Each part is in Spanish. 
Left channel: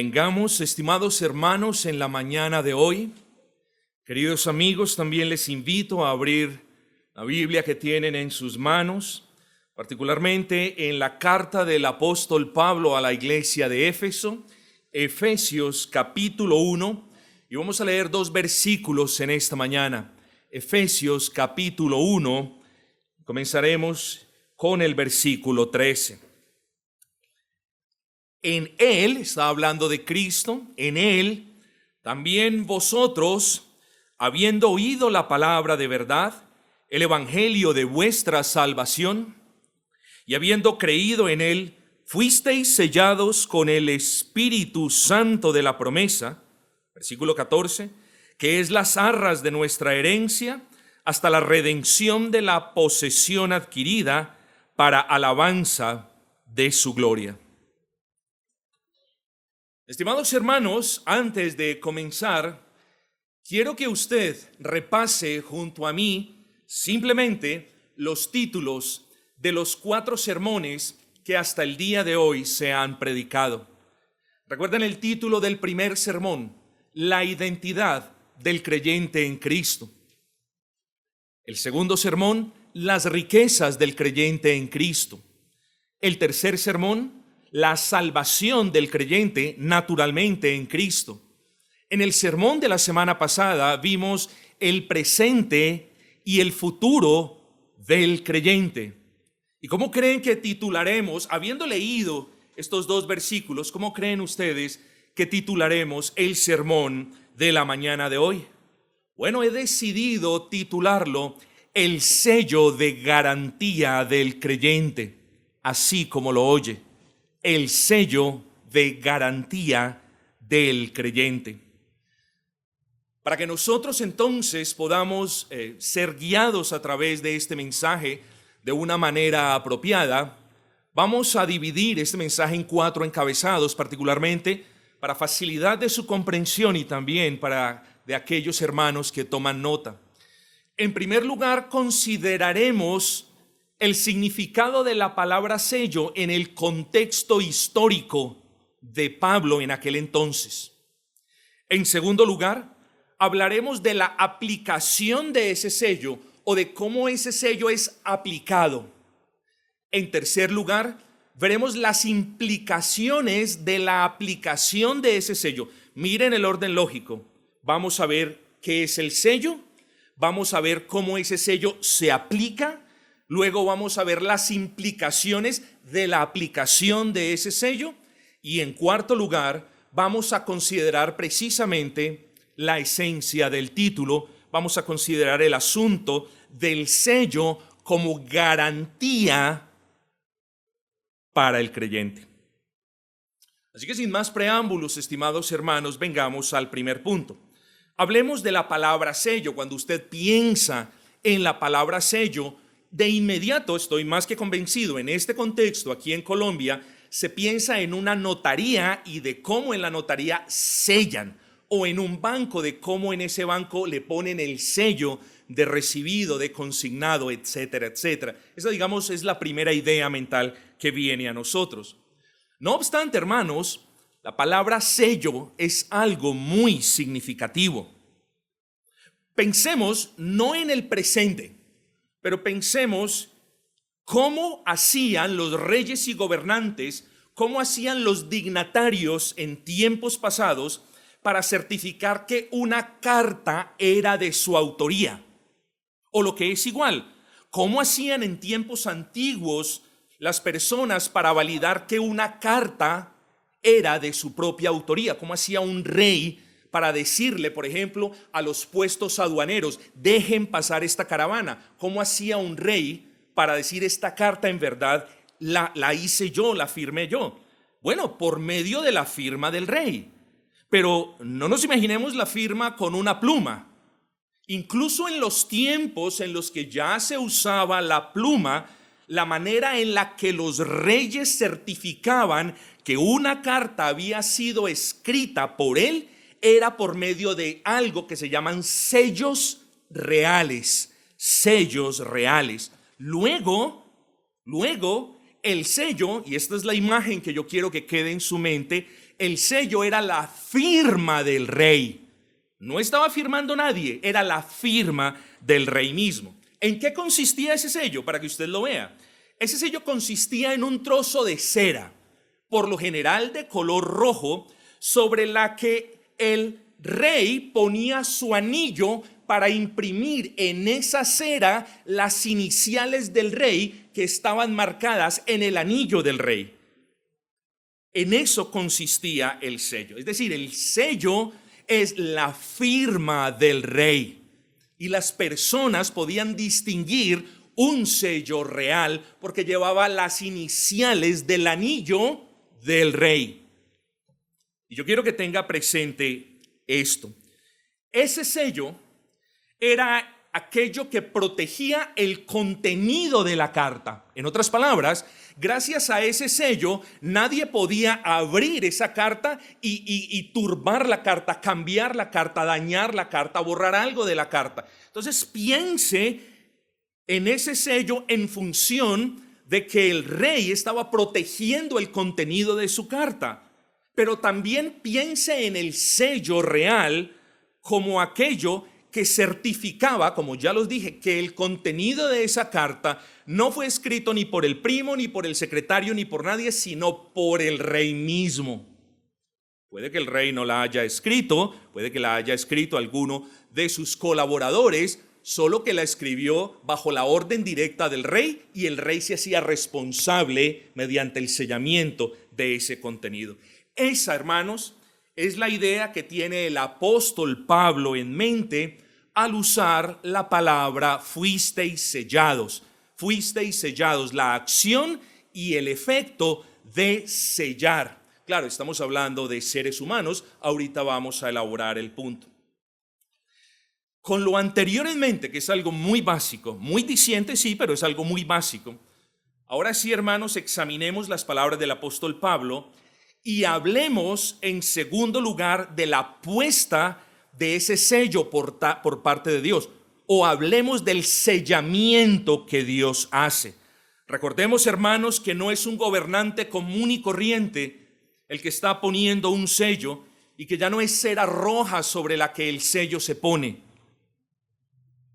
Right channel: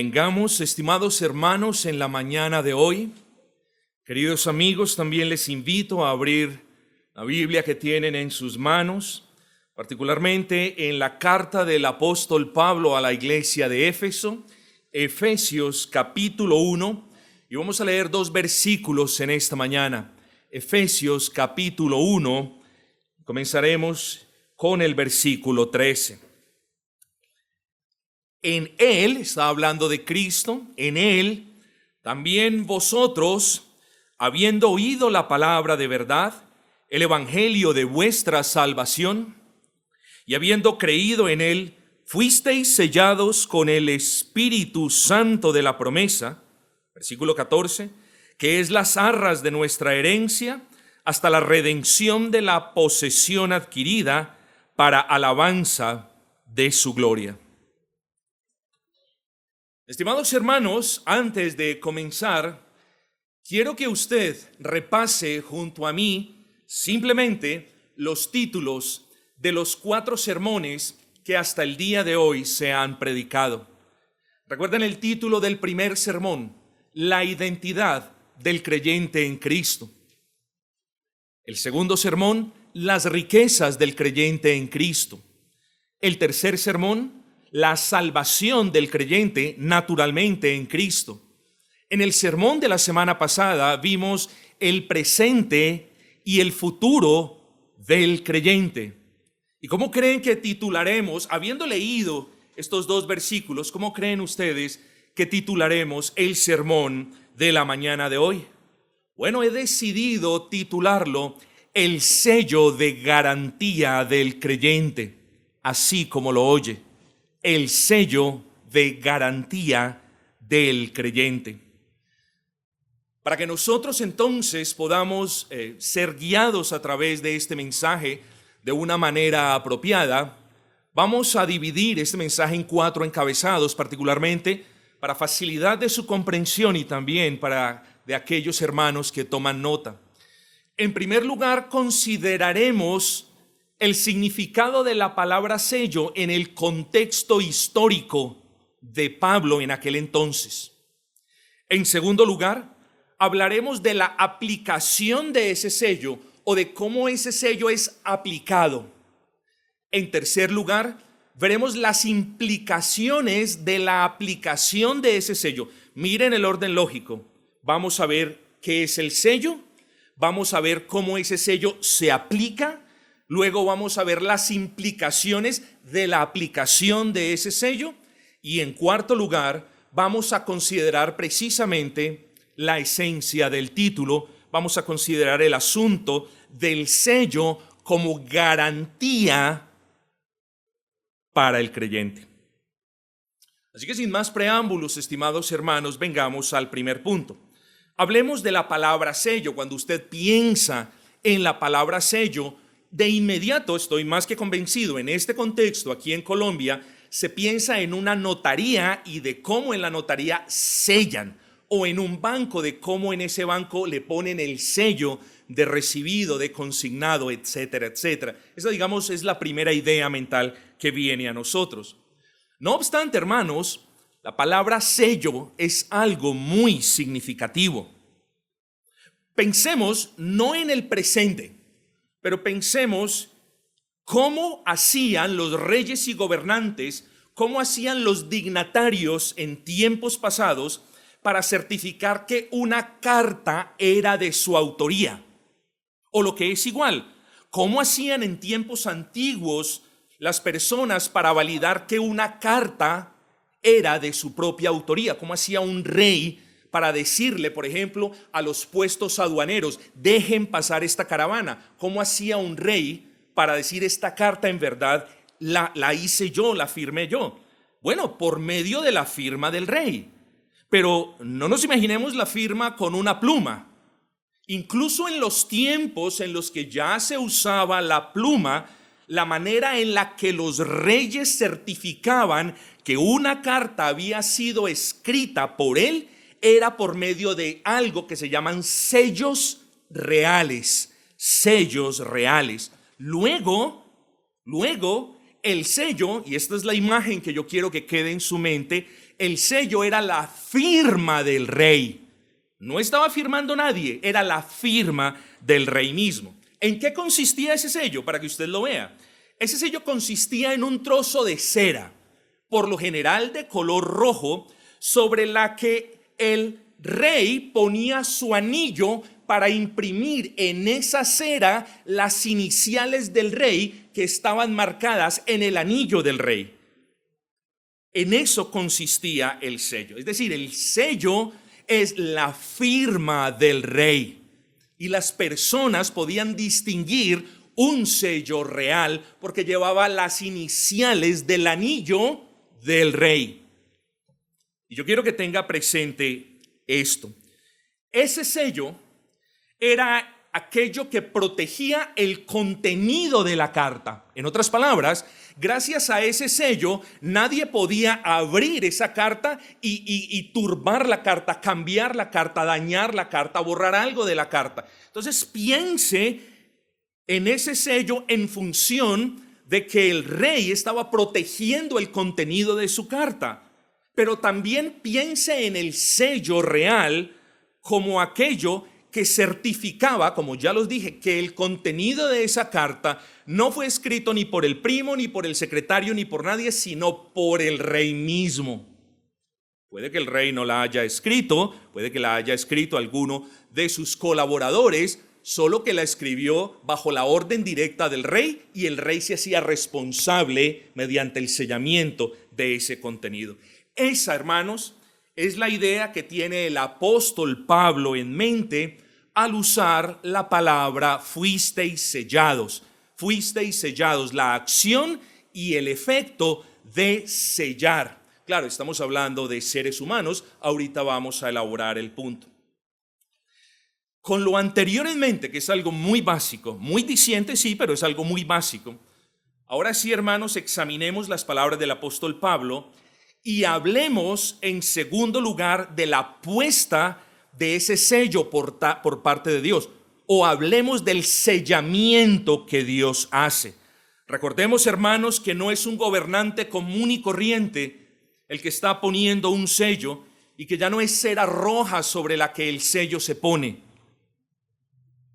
Vengamos, estimados hermanos, en la mañana de hoy. Queridos amigos, también les invito a abrir la Biblia que tienen en sus manos, particularmente en la carta del apóstol Pablo a la iglesia de Éfeso, Efesios capítulo 1, y vamos a leer dos versículos en esta mañana. Efesios capítulo 1, comenzaremos con el versículo 13. En Él, está hablando de Cristo, en Él también vosotros, habiendo oído la palabra de verdad, el evangelio de vuestra salvación, y habiendo creído en Él, fuisteis sellados con el Espíritu Santo de la promesa, versículo 14, que es las arras de nuestra herencia, hasta la redención de la posesión adquirida para alabanza de su gloria. Estimados hermanos, antes de comenzar, quiero que usted repase junto a mí simplemente los títulos de los 4 sermones que hasta el día de hoy se han predicado. Recuerden el título del primer sermón: la identidad del creyente en Cristo. El segundo sermón: las riquezas del creyente en Cristo. El tercer sermón: la salvación del creyente naturalmente en Cristo. En el sermón de la semana pasada vimos el presente y el futuro del creyente. ¿Y cómo creen que titularemos, habiendo leído estos 2 versículos, cómo creen ustedes que titularemos el sermón de la mañana de hoy? Bueno, he decidido titularlo El sello de garantía del creyente, así como lo oye. El sello de garantía del creyente. Para que nosotros entonces podamos ser guiados a través de este mensaje de una manera apropiada, vamos a dividir este mensaje en 4 encabezados, particularmente para facilidad de su comprensión y también para de aquellos hermanos que toman nota. En primer lugar, consideraremos el significado de la palabra sello en el contexto histórico de Pablo en aquel entonces. En segundo lugar, hablaremos de la aplicación de ese sello o de cómo ese sello es aplicado. En tercer lugar, veremos las implicaciones de la aplicación de ese sello. Miren el orden lógico. Vamos a ver qué es el sello, vamos a ver cómo ese sello se aplica. Luego vamos a ver las implicaciones de la aplicación de ese sello. Y en cuarto lugar, vamos a considerar precisamente la esencia del título. Vamos a considerar el asunto del sello como garantía para el creyente. Así que sin más preámbulos, estimados hermanos, vengamos al primer punto. Hablemos de la palabra sello. Cuando usted piensa en la palabra sello, de inmediato, estoy más que convencido, en este contexto, aquí en Colombia, se piensa en una notaría y de cómo en la notaría sellan, o en un banco, de cómo en ese banco le ponen el sello de recibido, de consignado, etcétera, etcétera. Esa, digamos, es la primera idea mental que viene a nosotros. No obstante, hermanos, la palabra sello es algo muy significativo. Pensemos no en el presente, pero pensemos cómo hacían los reyes y gobernantes, cómo hacían los dignatarios en tiempos pasados para certificar que una carta era de su autoría. O lo que es igual, cómo hacían en tiempos antiguos las personas para validar que una carta era de su propia autoría. Cómo hacía un rey para decirle, por ejemplo, a los puestos aduaneros: dejen pasar esta caravana. ¿Cómo hacía un rey para decir: esta carta en verdad la hice yo, la firmé yo? Bueno, por medio de la firma del rey. Pero no nos imaginemos la firma con una pluma. Incluso en los tiempos en los que ya se usaba la pluma, la manera en la que los reyes certificaban que una carta había sido escrita por él era por medio de algo que se llaman sellos reales. Sellos reales. Luego, el sello, y esta es la imagen que yo quiero que quede en su mente, el sello era la firma del rey. No estaba firmando nadie, era la firma del rey mismo. ¿En qué consistía ese sello? Para que usted lo vea. Ese sello consistía en un trozo de cera, por lo general de color rojo, sobre la que el rey ponía su anillo para imprimir en esa cera las iniciales del rey que estaban marcadas en el anillo del rey. En eso consistía el sello. Es decir, el sello es la firma del rey. Y las personas podían distinguir un sello real porque llevaba las iniciales del anillo del rey. Y yo quiero que tenga presente esto. Ese sello era aquello que protegía el contenido de la carta. En otras palabras, gracias a ese sello, nadie podía abrir esa carta y turbar la carta, cambiar la carta, dañar la carta, borrar algo de la carta. Entonces, piense en ese sello en función de que el rey estaba protegiendo el contenido de su carta. Pero también piense en el sello real como aquello que certificaba, como ya los dije, que el contenido de esa carta no fue escrito ni por el primo, ni por el secretario, ni por nadie, sino por el rey mismo. Puede que el rey no la haya escrito, puede que la haya escrito alguno de sus colaboradores, solo que la escribió bajo la orden directa del rey y el rey se hacía responsable mediante el sellamiento de ese contenido. Esa, hermanos, es la idea que tiene el apóstol Pablo en mente al usar la palabra fuisteis sellados. Fuisteis sellados, la acción y el efecto de sellar. Claro, estamos hablando de seres humanos, ahorita vamos a elaborar el punto. Con lo anterior en mente, que es algo muy básico, muy diciente, sí, pero es algo muy básico. Ahora sí, hermanos, examinemos las palabras del apóstol Pablo y hablemos en segundo lugar de la puesta de ese sello por parte de Dios, o hablemos del sellamiento que Dios hace. Recordemos, hermanos, que no es un gobernante común y corriente el que está poniendo un sello y que ya no es cera roja sobre la que el sello se pone.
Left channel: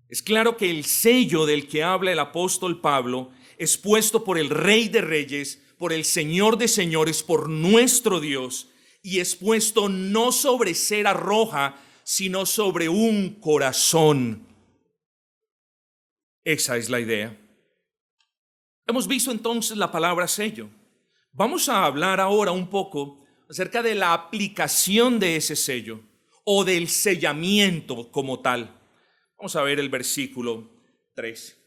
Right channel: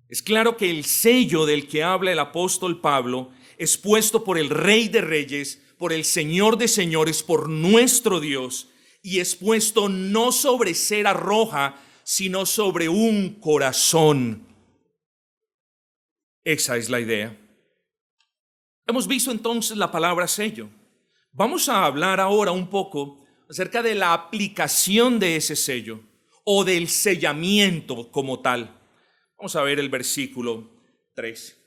Es claro que el sello del que habla el apóstol Pablo es puesto por el Rey de Reyes, por el Señor de Señores, por nuestro Dios, y es puesto no sobre cera roja, sino sobre un corazón. Esa es la idea. Hemos visto entonces la palabra sello. Vamos a hablar ahora un poco acerca de la aplicación de ese sello o del sellamiento como tal. Vamos a ver el versículo 3.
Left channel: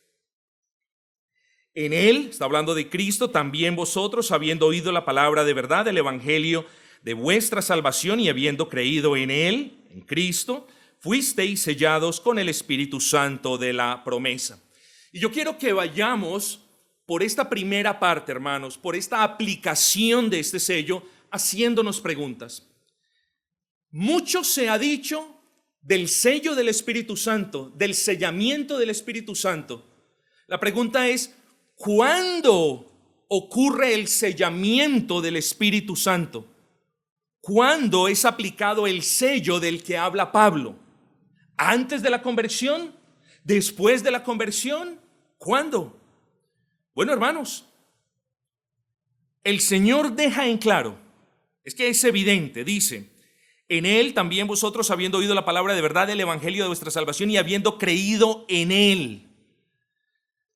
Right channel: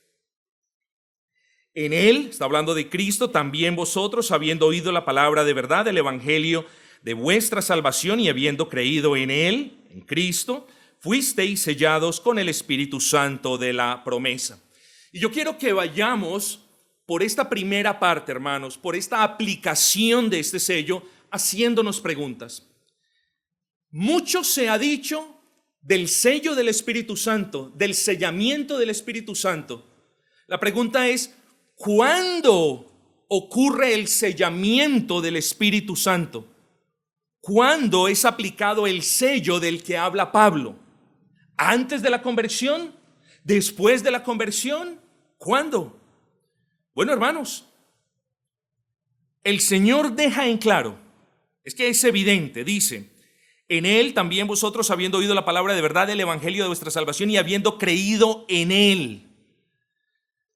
En él, está hablando de Cristo, también vosotros, habiendo oído la palabra de verdad, el evangelio de vuestra salvación y habiendo creído en él, en Cristo, fuisteis sellados con el Espíritu Santo de la promesa. Y yo quiero que vayamos por esta primera parte, hermanos, por esta aplicación de este sello, haciéndonos preguntas. Mucho se ha dicho del sello del Espíritu Santo, del sellamiento del Espíritu Santo. La pregunta es, ¿cuándo ocurre el sellamiento del Espíritu Santo? ¿Cuándo es aplicado el sello del que habla Pablo? ¿Antes de la conversión? ¿Después de la conversión? ¿Cuándo? Bueno, hermanos, el Señor deja en claro, es que es evidente, dice, en él también vosotros, habiendo oído la palabra de verdad del evangelio de vuestra salvación y habiendo creído en él.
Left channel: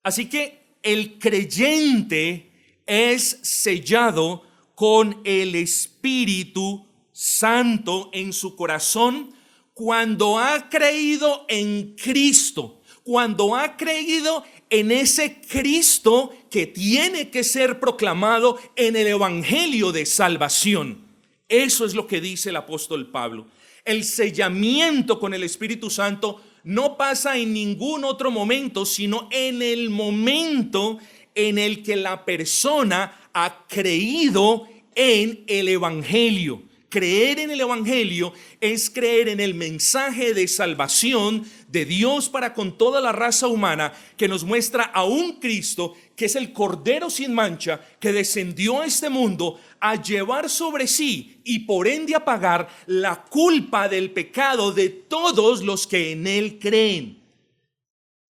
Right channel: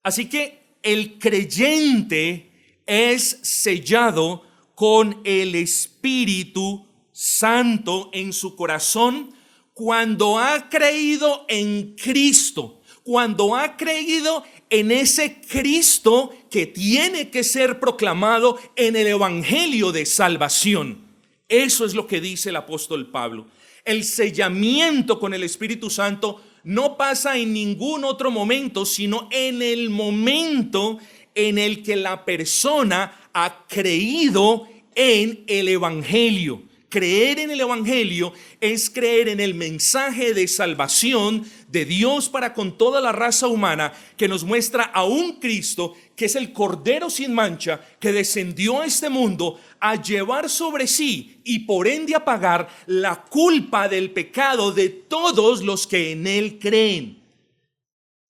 Así que el creyente es sellado con el Espíritu Santo en su corazón cuando ha creído en Cristo, cuando ha creído en ese Cristo que tiene que ser proclamado en el evangelio de salvación. Eso es lo que dice el apóstol Pablo. El sellamiento con el Espíritu Santo no pasa en ningún otro momento, sino en el momento en el que la persona ha creído en el evangelio, creer en el Evangelio es creer en el mensaje de salvación de Dios para con toda la raza humana, que nos muestra a un Cristo que es el Cordero sin mancha, que descendió a este mundo a llevar sobre sí y por ende a pagar la culpa del pecado de todos los que en él creen.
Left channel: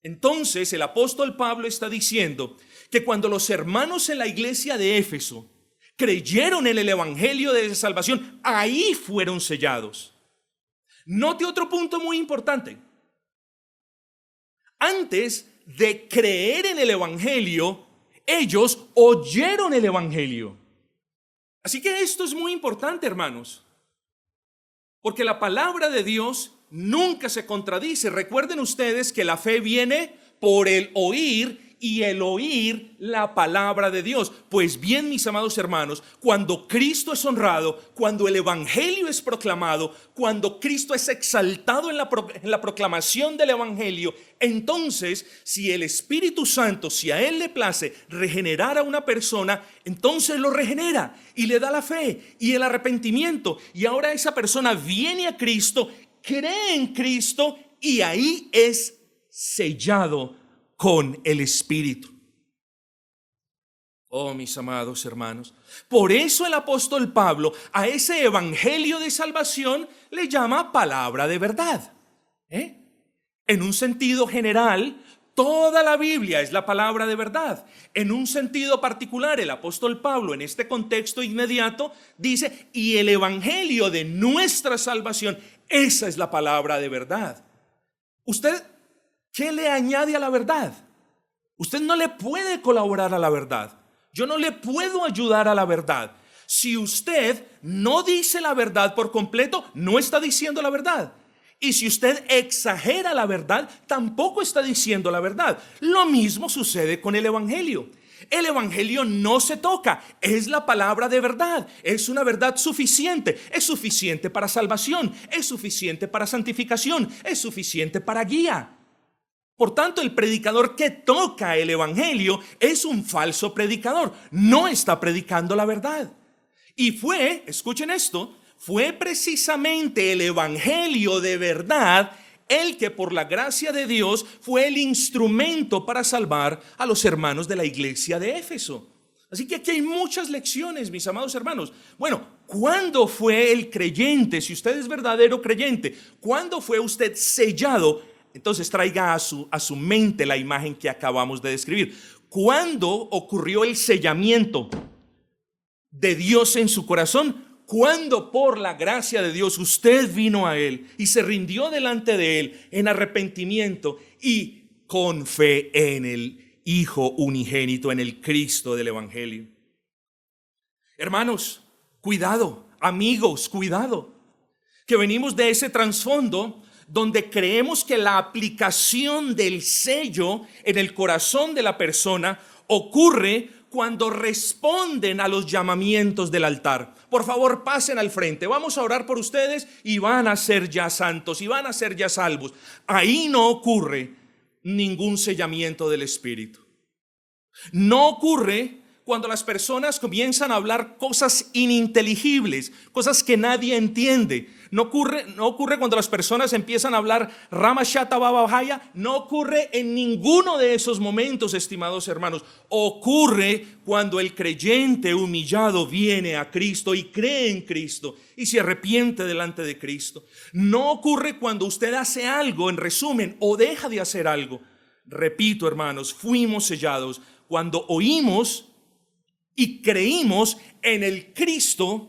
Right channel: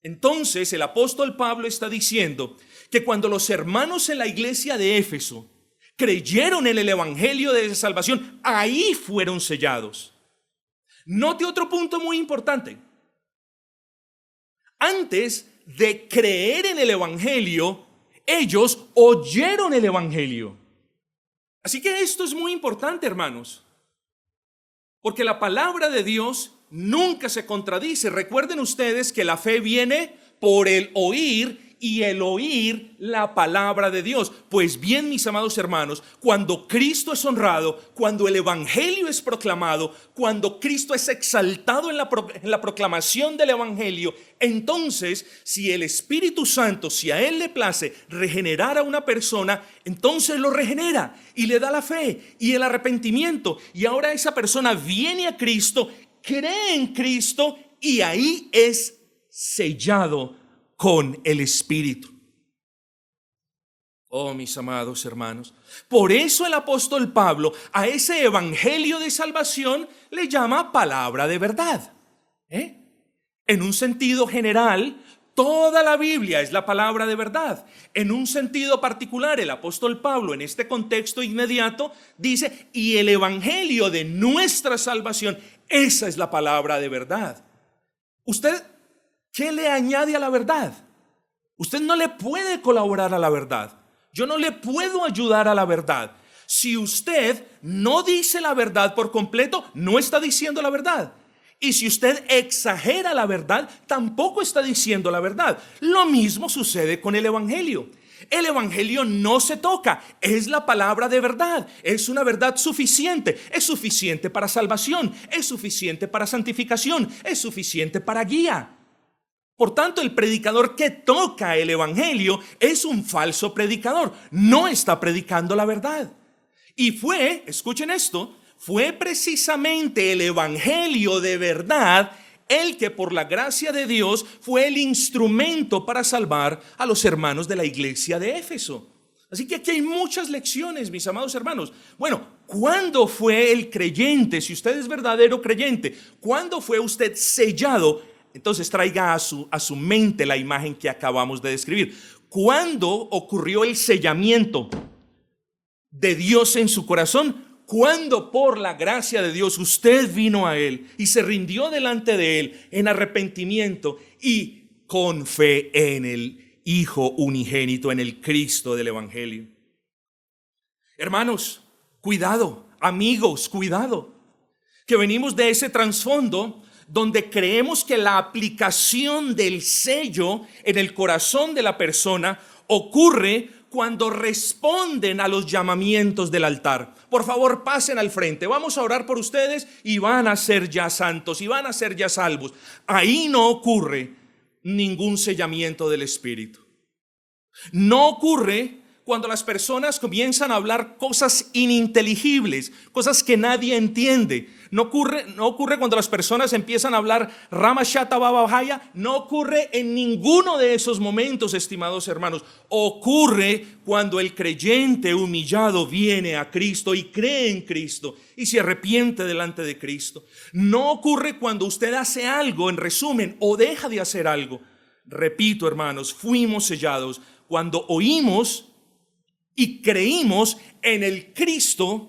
Entonces el apóstol Pablo está diciendo que cuando los hermanos en la iglesia de Éfeso creyeron en el evangelio de salvación, ahí fueron sellados. Note otro punto muy importante. Antes de creer en el evangelio, ellos oyeron el evangelio. Así que esto es muy importante, hermanos, porque la palabra de Dios nunca se contradice. Recuerden ustedes que la fe viene por el oír y el oír la palabra de Dios. Pues bien, mis amados hermanos, cuando Cristo es honrado, cuando el evangelio es proclamado, cuando Cristo es exaltado en la proclamación del evangelio, entonces si el Espíritu Santo, si a él le place regenerar a una persona, entonces lo regenera y le da la fe y el arrepentimiento, y ahora esa persona viene a Cristo, cree en Cristo y ahí es sellado con el Espíritu. Oh, mis amados hermanos, por eso el apóstol Pablo a ese evangelio de salvación le llama palabra de verdad. En un sentido general, toda la Biblia es la palabra de verdad. En un sentido particular, el apóstol Pablo en este contexto inmediato dice, y el evangelio de nuestra salvación, esa es la palabra de verdad. Usted, ¿qué le añade a la verdad? Usted no le puede colaborar a la verdad. Yo no le puedo ayudar a la verdad. Si usted no dice la verdad por completo, no está diciendo la verdad. Y si usted exagera la verdad, tampoco está diciendo la verdad. Lo mismo sucede con el evangelio. El evangelio no se toca, es la palabra de verdad, es una verdad suficiente, es suficiente para salvación, es suficiente para santificación, es suficiente para guía. Por tanto, el predicador que toca el evangelio es un falso predicador, no está predicando la verdad. Y escuchen esto, fue precisamente el evangelio de verdad el que por la gracia de Dios fue el instrumento para salvar a los hermanos de la iglesia de Éfeso. Así que aquí hay muchas lecciones, mis amados hermanos. Bueno, ¿cuándo fue el creyente? Si usted es verdadero creyente, ¿cuándo fue usted sellado? Entonces traiga a su mente la imagen que acabamos de describir. ¿Cuándo ocurrió el sellamiento de Dios en su corazón? Cuando por la gracia de Dios usted vino a Él y se rindió delante de Él en arrepentimiento y con fe en el Hijo unigénito, en el Cristo del Evangelio. Hermanos, cuidado, amigos, cuidado, que venimos de ese trasfondo donde creemos que la aplicación del sello en el corazón de la persona ocurre cuando responden a los llamamientos del altar. Por favor, pasen al frente, vamos a orar por ustedes y van a ser ya santos y van a ser ya salvos. Ahí no ocurre ningún sellamiento del Espíritu. No ocurre cuando las personas comienzan a hablar cosas ininteligibles, cosas que nadie entiende. No ocurre cuando las personas empiezan a hablar Rama Shata Baba Bahaya. No ocurre en ninguno de esos momentos, estimados hermanos. Ocurre cuando el creyente humillado viene a Cristo y cree en Cristo y se arrepiente delante de Cristo. No ocurre cuando usted hace algo, en resumen, o deja de hacer algo. Repito, hermanos, fuimos sellados cuando oímos y creímos en el Cristo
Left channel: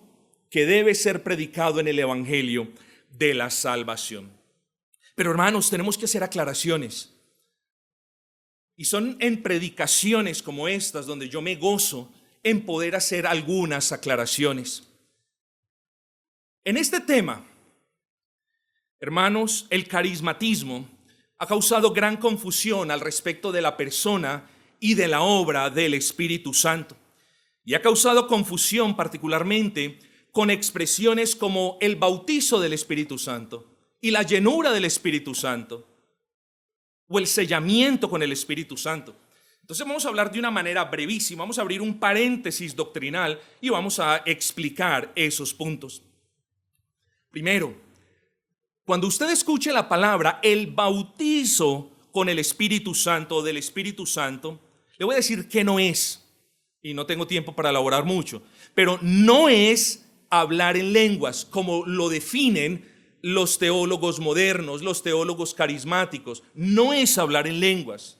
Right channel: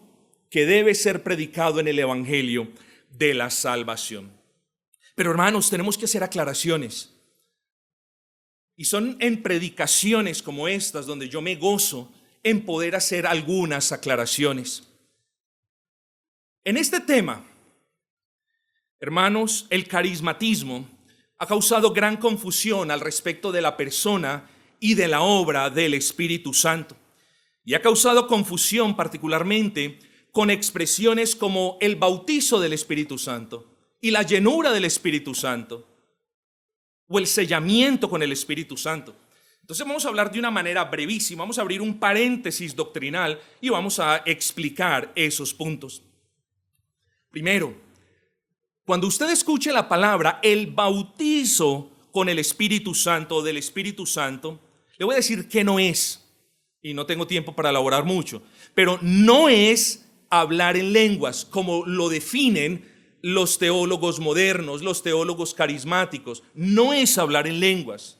que debe ser predicado en el evangelio de la salvación. Pero hermanos, tenemos que hacer aclaraciones. Y son en predicaciones como estas donde yo me gozo en poder hacer algunas aclaraciones. En este tema, hermanos, el carismatismo ha causado gran confusión al respecto de la persona y de la obra del Espíritu Santo. Y ha causado confusión particularmente con expresiones como el bautizo del Espíritu Santo y la llenura del Espíritu Santo o el sellamiento con el Espíritu Santo. Entonces vamos a hablar de una manera brevísima, vamos a abrir un paréntesis doctrinal y vamos a explicar esos puntos. Primero, cuando usted escuche la palabra el bautizo con el Espíritu Santo o del Espíritu Santo, le voy a decir que no es, y no tengo tiempo para elaborar mucho, pero no es hablar en lenguas como lo definen los teólogos modernos, los teólogos carismáticos. No es hablar en lenguas.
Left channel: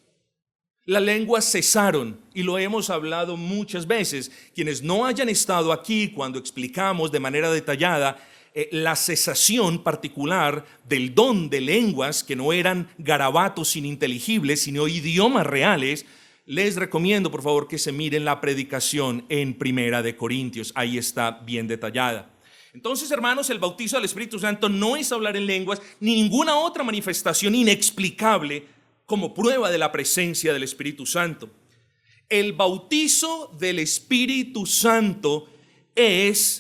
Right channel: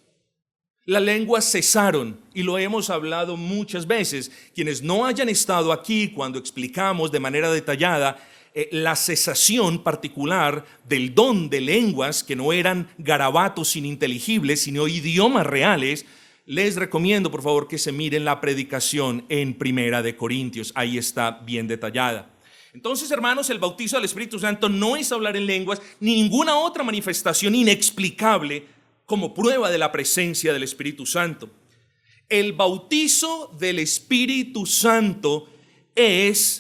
Las lenguas cesaron y lo hemos hablado muchas veces. Quienes no hayan estado aquí cuando explicamos de manera detallada la cesación particular del don de lenguas que no eran garabatos ininteligibles, sino idiomas reales, les recomiendo por favor que se miren la predicación en Primera de Corintios. Ahí está bien detallada. Entonces, hermanos, el bautizo del Espíritu Santo no es hablar en lenguas ni ninguna otra manifestación inexplicable como prueba de la presencia del Espíritu Santo. El bautizo del Espíritu Santo es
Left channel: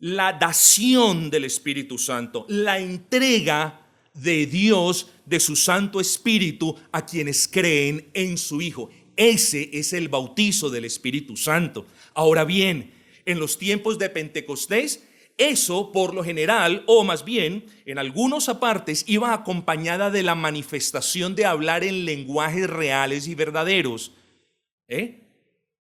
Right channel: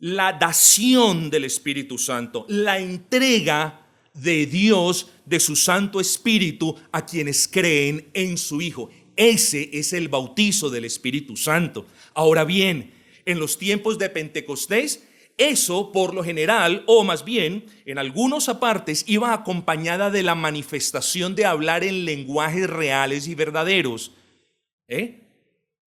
la dación del Espíritu Santo, la entrega de Dios de su Santo Espíritu a quienes creen en su Hijo. Ese es el bautizo del Espíritu Santo. Ahora bien, en los tiempos de Pentecostés, eso por lo general, o más bien en algunos apartes, iba acompañada de la manifestación de hablar en lenguajes reales y verdaderos.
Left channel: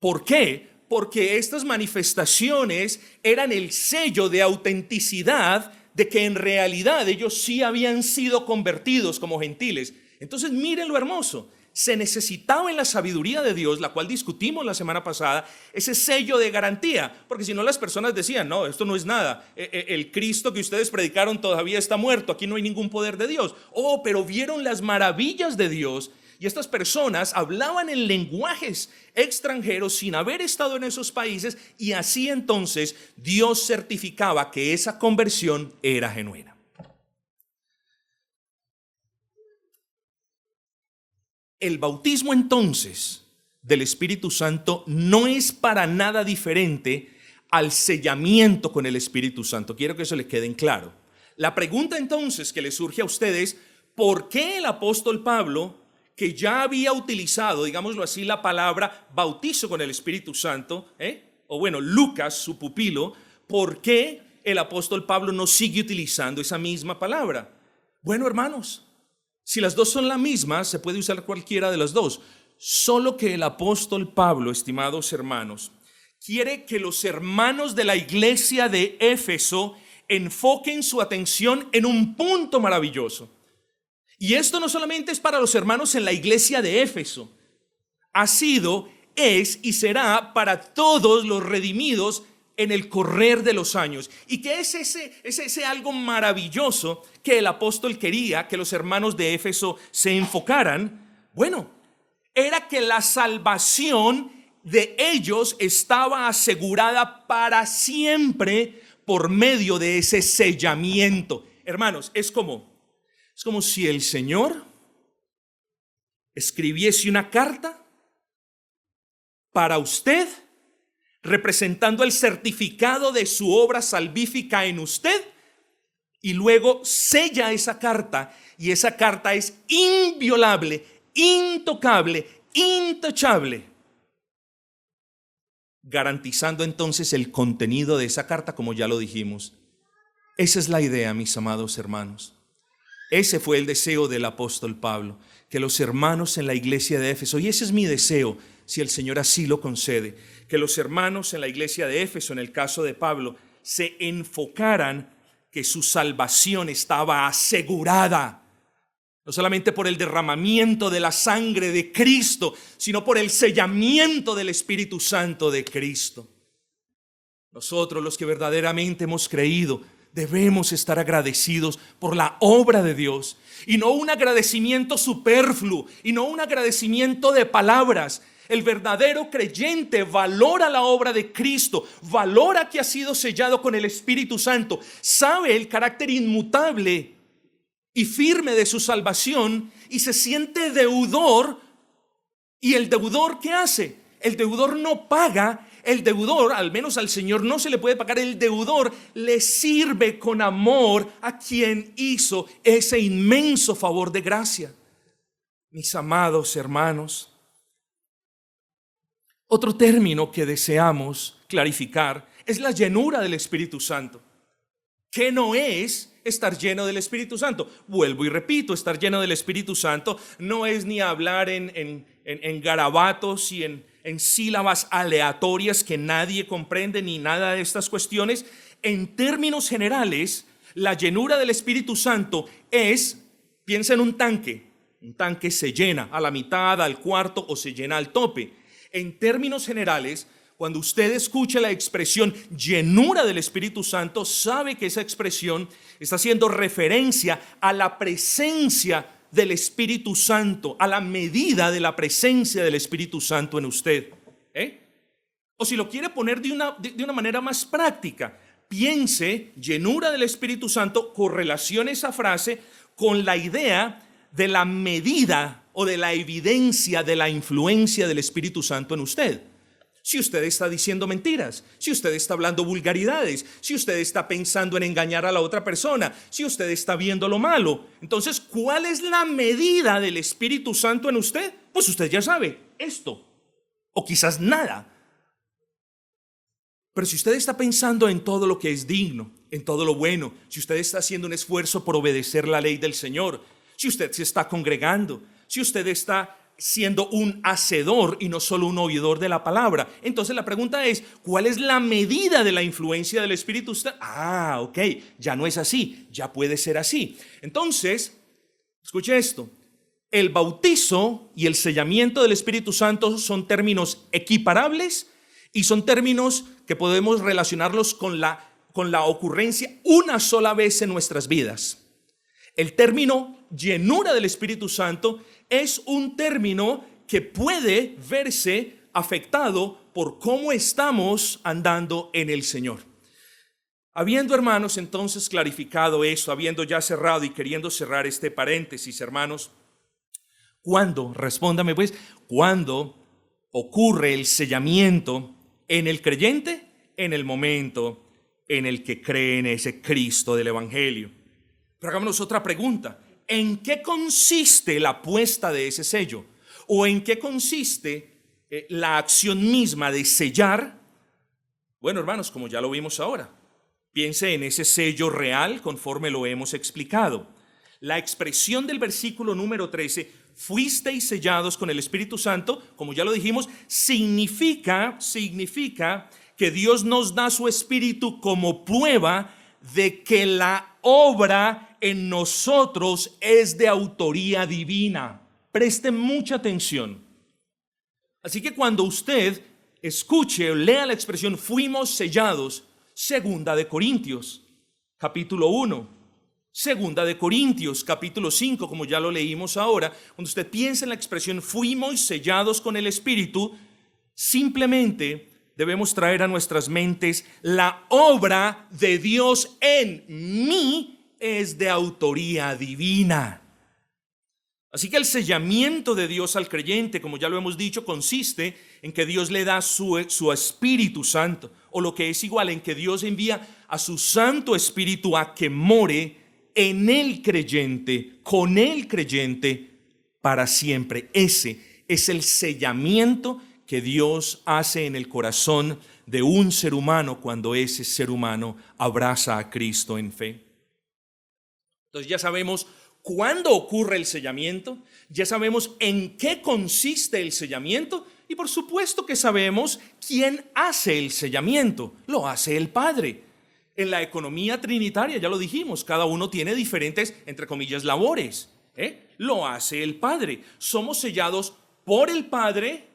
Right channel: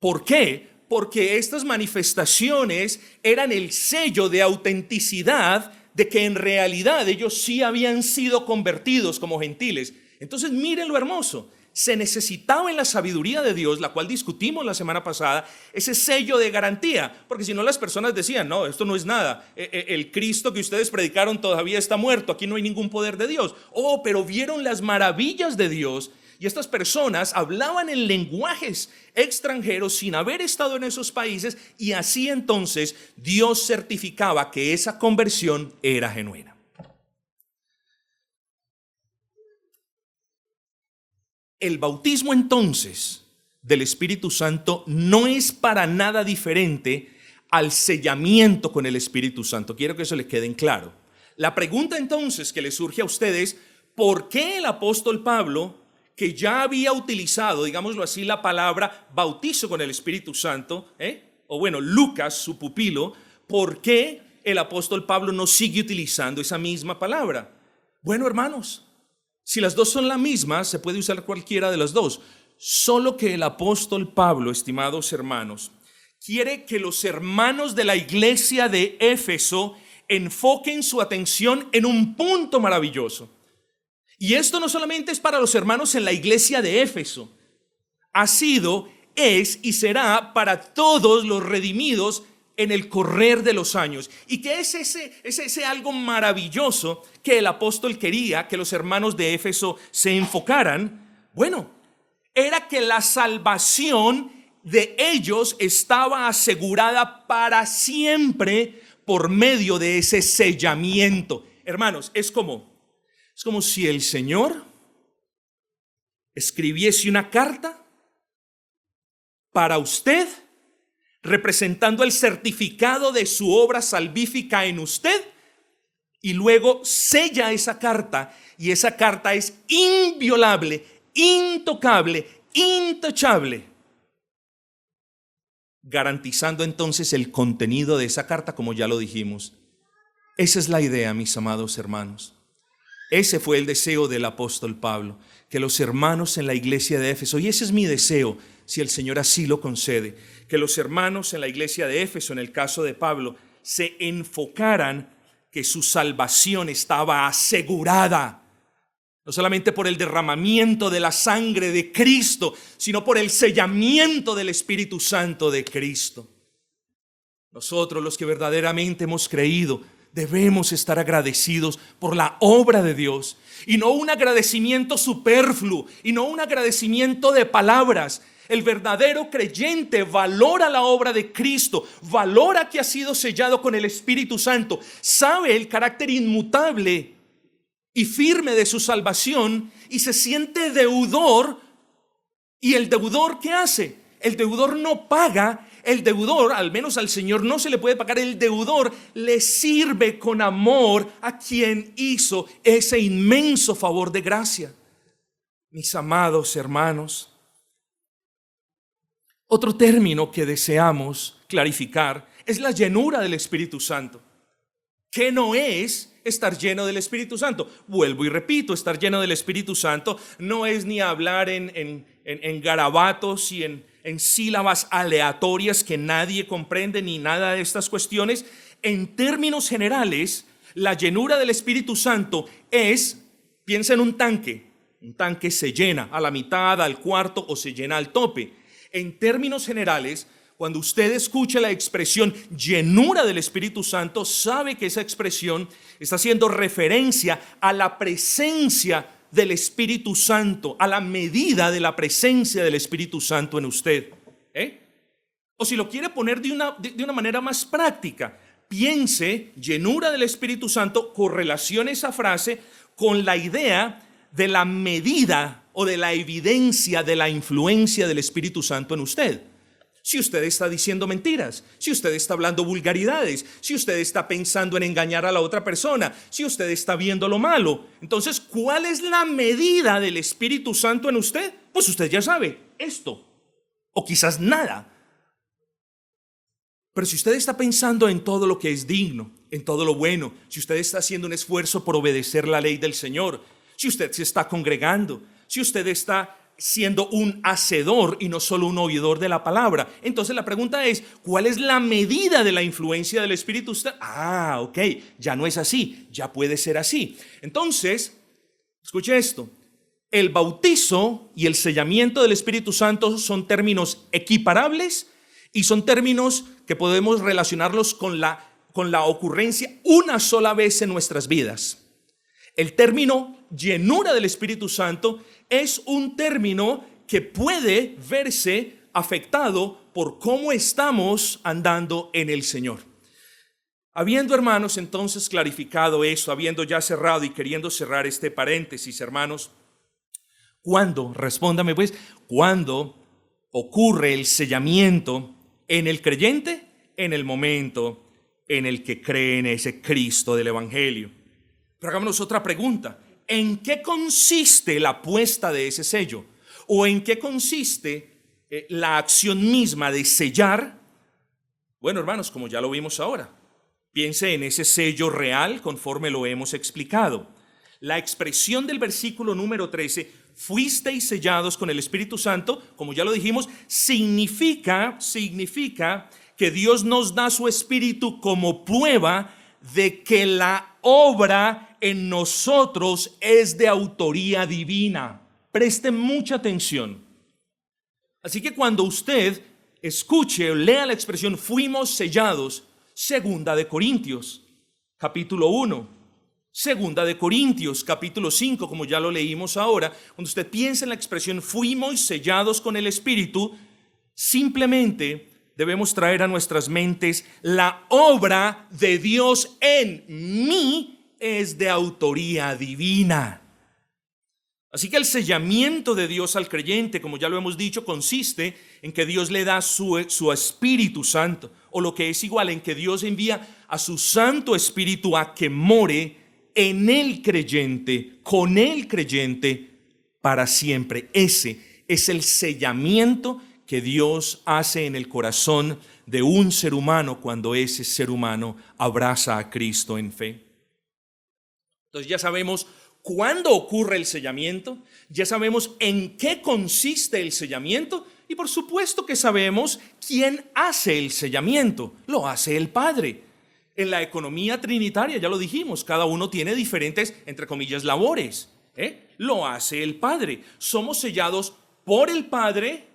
¿Por qué? Porque estas manifestaciones eran el sello de autenticidad de que en realidad ellos sí habían sido convertidos como gentiles. Entonces miren lo hermoso. Se necesitaba en la sabiduría de Dios, la cual discutimos la semana pasada, ese sello de garantía, porque si no las personas decían, no, esto no es nada, el Cristo que ustedes predicaron todavía está muerto, aquí no hay ningún poder de Dios. Oh, pero vieron las maravillas de Dios y estas personas hablaban en lenguajes extranjeros sin haber estado en esos países y así entonces Dios certificaba que esa conversión era genuina. El bautismo entonces del Espíritu Santo no es para nada diferente al sellamiento con el Espíritu Santo. Quiero que eso le quede en claro. La pregunta entonces que le surge a ustedes, ¿por qué el apóstol Pablo, que ya había utilizado, digámoslo así, la palabra bautizo con el Espíritu Santo, o bueno, Lucas, su pupilo, ¿por qué el apóstol Pablo no sigue utilizando esa misma palabra? Bueno, hermanos, si las dos son la misma, se puede usar cualquiera de las dos. Solo que el apóstol Pablo, estimados hermanos, quiere que los hermanos de la iglesia de Éfeso enfoquen su atención en un punto maravilloso. Y esto no solamente es para los hermanos en la iglesia de Éfeso. Ha sido, es y será para todos los redimidos en el correr de los años. ¿Y qué es ese algo maravilloso que el apóstol quería que los hermanos de Éfeso se enfocaran? Bueno, era que la salvación de ellos estaba asegurada para siempre por medio de ese sellamiento. Hermanos, es como si el Señor escribiese una carta para usted, representando el certificado de su obra salvífica en usted, y luego sella esa carta, y esa carta es inviolable, intocable, intachable, garantizando entonces el contenido de esa carta, como ya lo dijimos. Esa es la idea, mis amados hermanos. Ese fue el deseo del apóstol Pablo, que los hermanos en la iglesia de Éfeso, y ese es mi deseo, si el Señor así lo concede, que los hermanos en la iglesia de Éfeso, en el caso de Pablo, se enfocaran que su salvación estaba asegurada, no solamente por el derramamiento de la sangre de Cristo, sino por el sellamiento del Espíritu Santo de Cristo. Nosotros, los que verdaderamente hemos creído, debemos estar agradecidos por la obra de Dios, y no un agradecimiento superfluo, y no un agradecimiento de palabras. El verdadero creyente valora la obra de Cristo, valora que ha sido sellado con el Espíritu Santo, sabe el carácter inmutable y firme de su salvación y se siente deudor. ¿Y el deudor qué hace? El deudor no paga. El deudor, al menos al Señor no se le puede pagar. El deudor le sirve con amor a quien hizo ese inmenso favor de gracia. Mis amados hermanos, otro término que deseamos clarificar es la llenura del Espíritu Santo. ¿Qué no es estar lleno del Espíritu Santo? Vuelvo y repito, estar lleno del Espíritu Santo no es ni hablar en garabatos y en sílabas aleatorias que nadie comprende ni nada de estas cuestiones. En términos generales, la llenura del Espíritu Santo es, piensa en un tanque se llena a la mitad, al cuarto o se llena al tope. En términos generales, cuando usted escucha la expresión llenura del Espíritu Santo, sabe que esa expresión está haciendo referencia a la presencia del Espíritu Santo, a la medida de la presencia del Espíritu Santo en usted. O si lo quiere poner de una manera más práctica, piense llenura del Espíritu Santo, correlacione esa frase con la idea de la medida o de la evidencia de la influencia del Espíritu Santo en usted. Si usted está diciendo mentiras, si usted está hablando vulgaridades, si usted está pensando en engañar a la otra persona, si usted está viendo lo malo, entonces, ¿cuál es la medida del Espíritu Santo en usted? Pues usted ya sabe, esto, o quizás nada. Pero si usted está pensando en todo lo que es digno, en todo lo bueno, si usted está haciendo un esfuerzo por obedecer la ley del Señor, si usted se está congregando, si usted está siendo un hacedor y no solo un oidor de la palabra, entonces la pregunta es, ¿cuál es la medida de la influencia del Espíritu? Ok, ya no es así, ya puede ser así. Entonces, escuche esto, el bautizo y el sellamiento del Espíritu Santo son términos equiparables y son términos que podemos relacionarlos con la ocurrencia una sola vez en nuestras vidas. El término llenura del Espíritu Santo es un término que puede verse afectado por cómo estamos andando en el Señor. Habiendo, hermanos, entonces clarificado esto, habiendo ya cerrado y queriendo cerrar este paréntesis, hermanos, ¿cuándo? Respóndame pues, ¿cuándo ocurre el sellamiento en el creyente? En el momento en el que cree en ese Cristo del Evangelio. Pero hagámonos otra pregunta. ¿En qué consiste la puesta de ese sello? ¿O en qué consiste la acción misma de sellar? Bueno, hermanos, como ya lo vimos ahora, piense en ese sello real conforme lo hemos explicado. La expresión del versículo número 13, fuisteis sellados con el Espíritu Santo, como ya lo dijimos, significa que Dios nos da su Espíritu como prueba de que la obra en nosotros es de autoría divina. Preste mucha atención. Así que cuando usted escuche o lea la expresión fuimos sellados, segunda de Corintios, capítulo 1, segunda de Corintios, capítulo 5, como ya lo leímos ahora, cuando usted piensa en la expresión fuimos sellados con el Espíritu, simplemente debemos traer a nuestras mentes la obra de Dios en mí es de autoría divina. Así que el sellamiento de Dios al creyente, como ya lo hemos dicho, consiste en que Dios le da su Espíritu Santo, o lo que es igual, en que Dios envía a su Santo Espíritu a que more en el creyente, con el creyente para siempre. Ese es el sellamiento que Dios hace en el corazón de un ser humano cuando ese ser humano abraza a Cristo en fe. Entonces ya sabemos cuándo ocurre el sellamiento, ya sabemos en qué consiste el sellamiento y por supuesto que sabemos quién hace el sellamiento. Lo hace el Padre. En la economía trinitaria, ya lo dijimos, cada uno tiene diferentes, entre comillas, labores. Lo hace el Padre. Somos sellados por el Padre,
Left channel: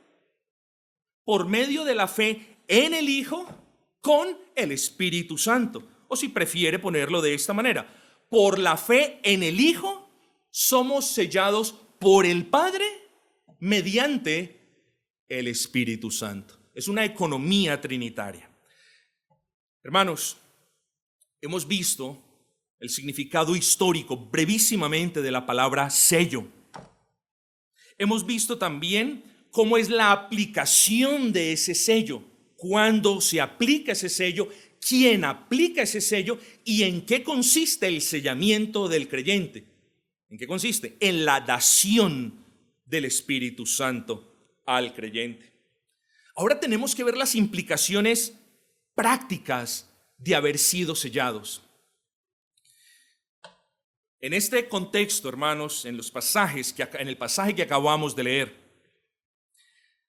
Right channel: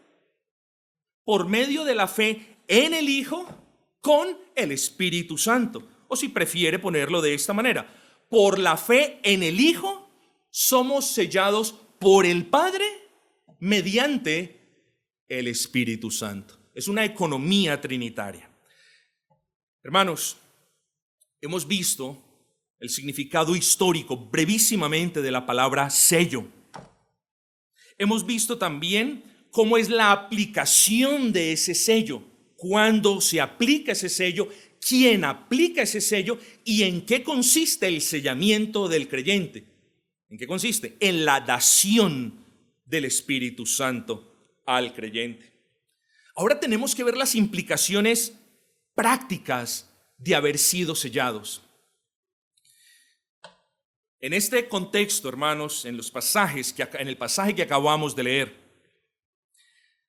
por medio de la fe en el Hijo, con el Espíritu Santo. O si prefiere ponerlo de esta manera, por la fe en el Hijo, somos sellados por el Padre mediante el Espíritu Santo. Es una economía trinitaria. Hermanos, hemos visto el significado histórico brevísimamente de la palabra sello. Hemos visto también cómo es la aplicación de ese sello, cuándo se aplica ese sello, quién aplica ese sello y en qué consiste el sellamiento del creyente. ¿En qué consiste? En la dación del Espíritu Santo al creyente. Ahora tenemos que ver las implicaciones prácticas de haber sido sellados. En este contexto, hermanos, en el pasaje que acabamos de leer,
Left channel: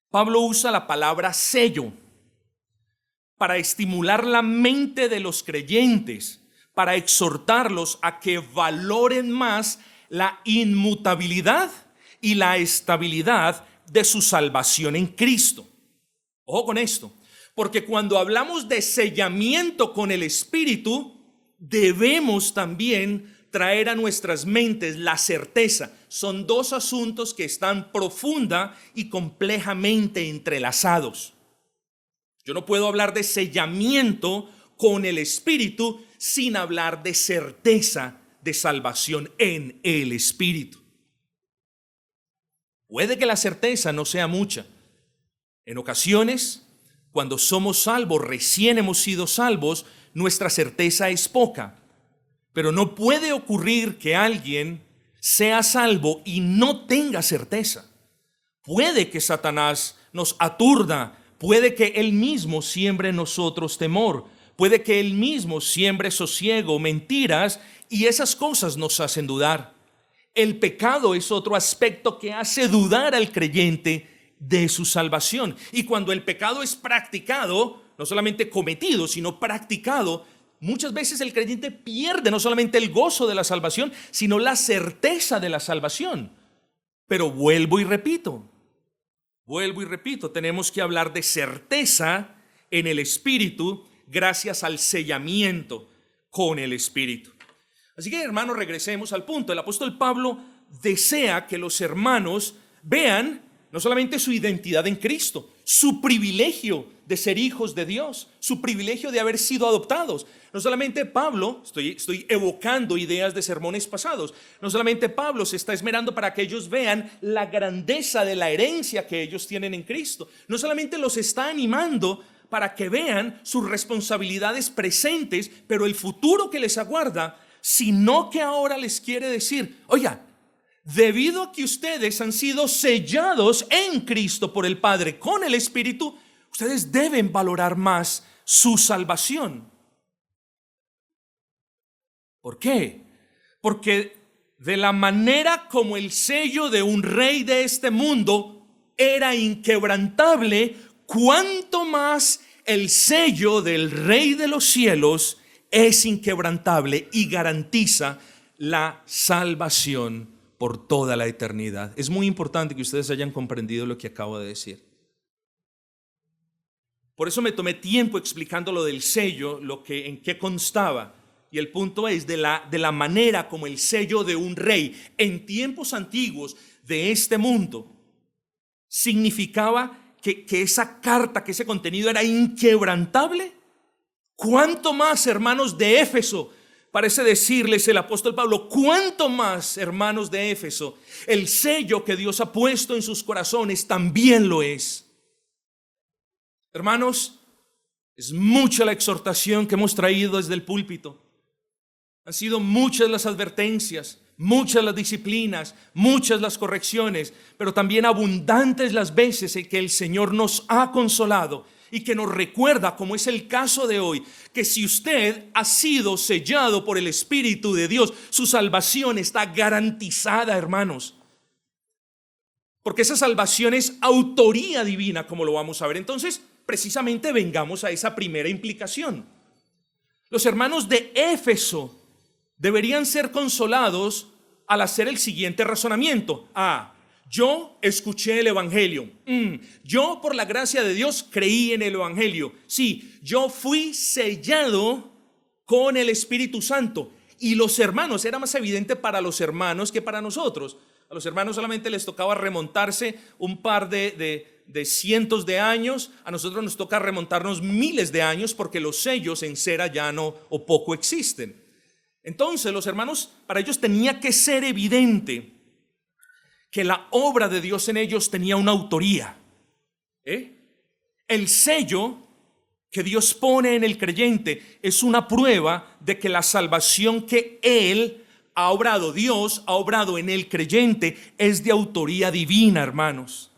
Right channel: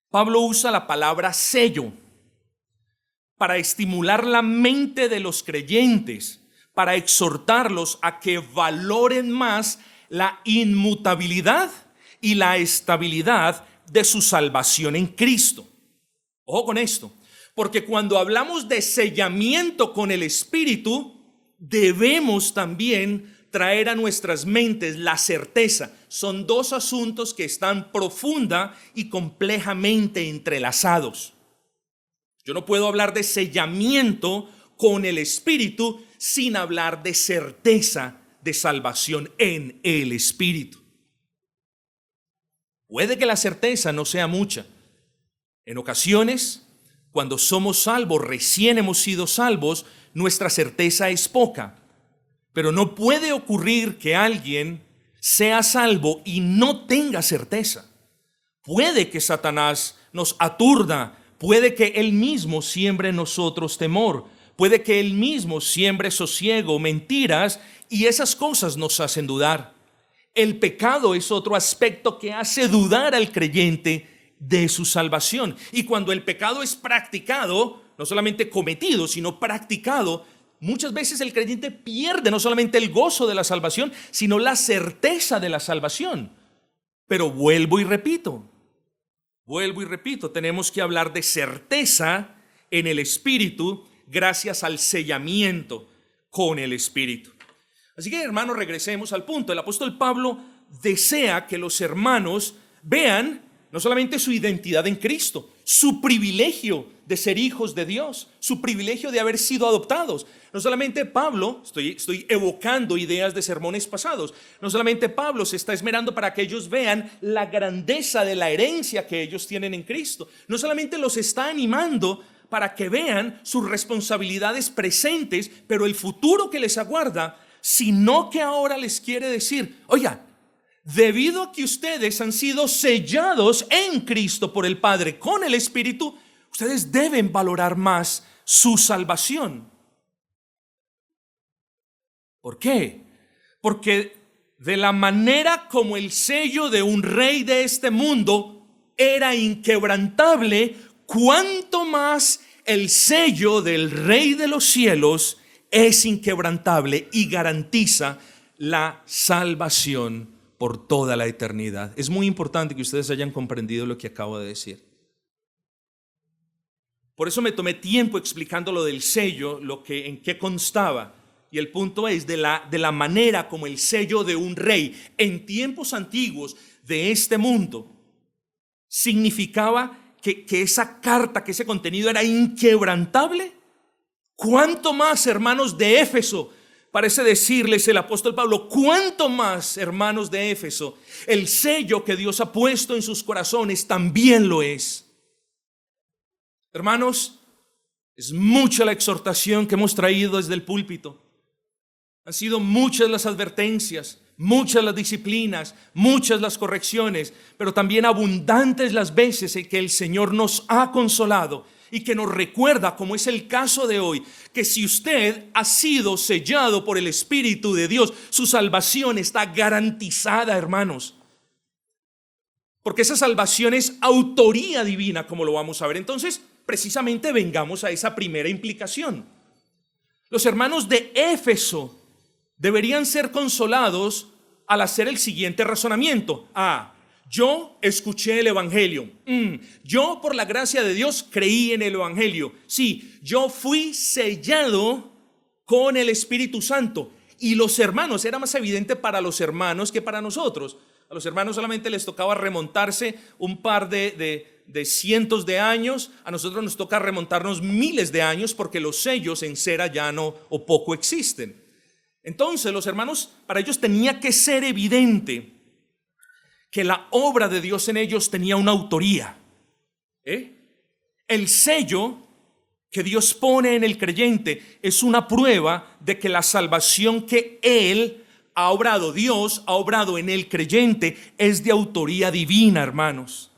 Pablo usa la palabra sello para estimular la mente de los creyentes, para exhortarlos a que valoren más la inmutabilidad y la estabilidad de su salvación en Cristo. Ojo con esto, porque cuando hablamos de sellamiento con el Espíritu, debemos también traer a nuestras mentes la certeza. Son dos asuntos que están profunda y complejamente entrelazados. Yo no puedo hablar de sellamiento con el Espíritu sin hablar de certeza de salvación en el Espíritu. Puede que la certeza no sea mucha. En ocasiones, cuando somos salvos, recién hemos sido salvos, nuestra certeza es poca. Pero no puede ocurrir que alguien sea salvo y no tenga certeza. Puede que Satanás nos aturda, puede que él mismo siembre en nosotros temor, puede que él mismo siembre sosiego, mentiras, y esas cosas nos hacen dudar. El pecado es otro aspecto que hace dudar al creyente de su salvación. Y cuando el pecado es practicado, no solamente cometido, sino practicado, muchas veces el creyente pierde no solamente el gozo de la salvación, sino la certeza de la salvación. Pero vuelvo y repito, tenemos que hablar de certeza en el Espíritu gracias al sellamiento con el Espíritu. Así que, hermanos, regresemos al punto. El apóstol Pablo desea que los hermanos vean no solamente su identidad en Cristo, su privilegio de ser hijos de Dios, su privilegio de haber sido adoptados. No solamente Pablo, estoy evocando ideas de sermones pasados, no solamente Pablo se está esmerando para que ellos vean la grandeza de la herencia que ellos tienen en Cristo, no solamente los está animando para que vean sus responsabilidades presentes, pero el futuro que les aguarda, sino que ahora les quiere decir, oiga, debido a que ustedes han sido sellados en Cristo por el Padre con el Espíritu, ustedes deben valorar más su salvación. ¿Por qué? Porque de la manera como el sello de un rey de este mundo era inquebrantable, cuanto más el sello del Rey de los cielos es inquebrantable y garantiza la salvación por toda la eternidad. Es muy importante que ustedes hayan comprendido lo que acabo de decir. Por eso me tomé tiempo explicando lo del sello, en qué constaba. Y el punto es de la manera como el sello de un rey en tiempos antiguos de este mundo significaba que esa carta, que ese contenido era inquebrantable. ¿Cuánto más, hermanos de Éfeso? Parece decirles el apóstol Pablo, ¿cuánto más, hermanos de Éfeso? El sello que Dios ha puesto en sus corazones también lo es. Hermanos, es mucha la exhortación que hemos traído desde el púlpito. Han sido muchas las advertencias, muchas las disciplinas, muchas las correcciones, pero también abundantes las veces en que el Señor nos ha consolado y que nos recuerda, como es el caso de hoy, que si usted ha sido sellado por el Espíritu de Dios, su salvación está garantizada, hermanos. Porque esa salvación es autoría divina, como lo vamos a ver. Entonces, precisamente vengamos a esa primera implicación. Los hermanos de Éfeso deberían ser consolados al hacer el siguiente razonamiento. Yo escuché el Evangelio. Yo, por la gracia de Dios, creí en el Evangelio. Sí, yo fui sellado con el Espíritu Santo. Y los hermanos, era más evidente para los hermanos que para nosotros. A los hermanos solamente les tocaba remontarse un par de cientos de años. A nosotros nos toca remontarnos miles de años porque los sellos en cera ya no o poco existen. Entonces los hermanos, para ellos tenía que ser evidente que la obra de Dios en ellos tenía una autoría. El sello que Dios pone en el creyente es una prueba de que la salvación que Él ha obrado, Dios ha obrado en el creyente, es de autoría divina, hermanos.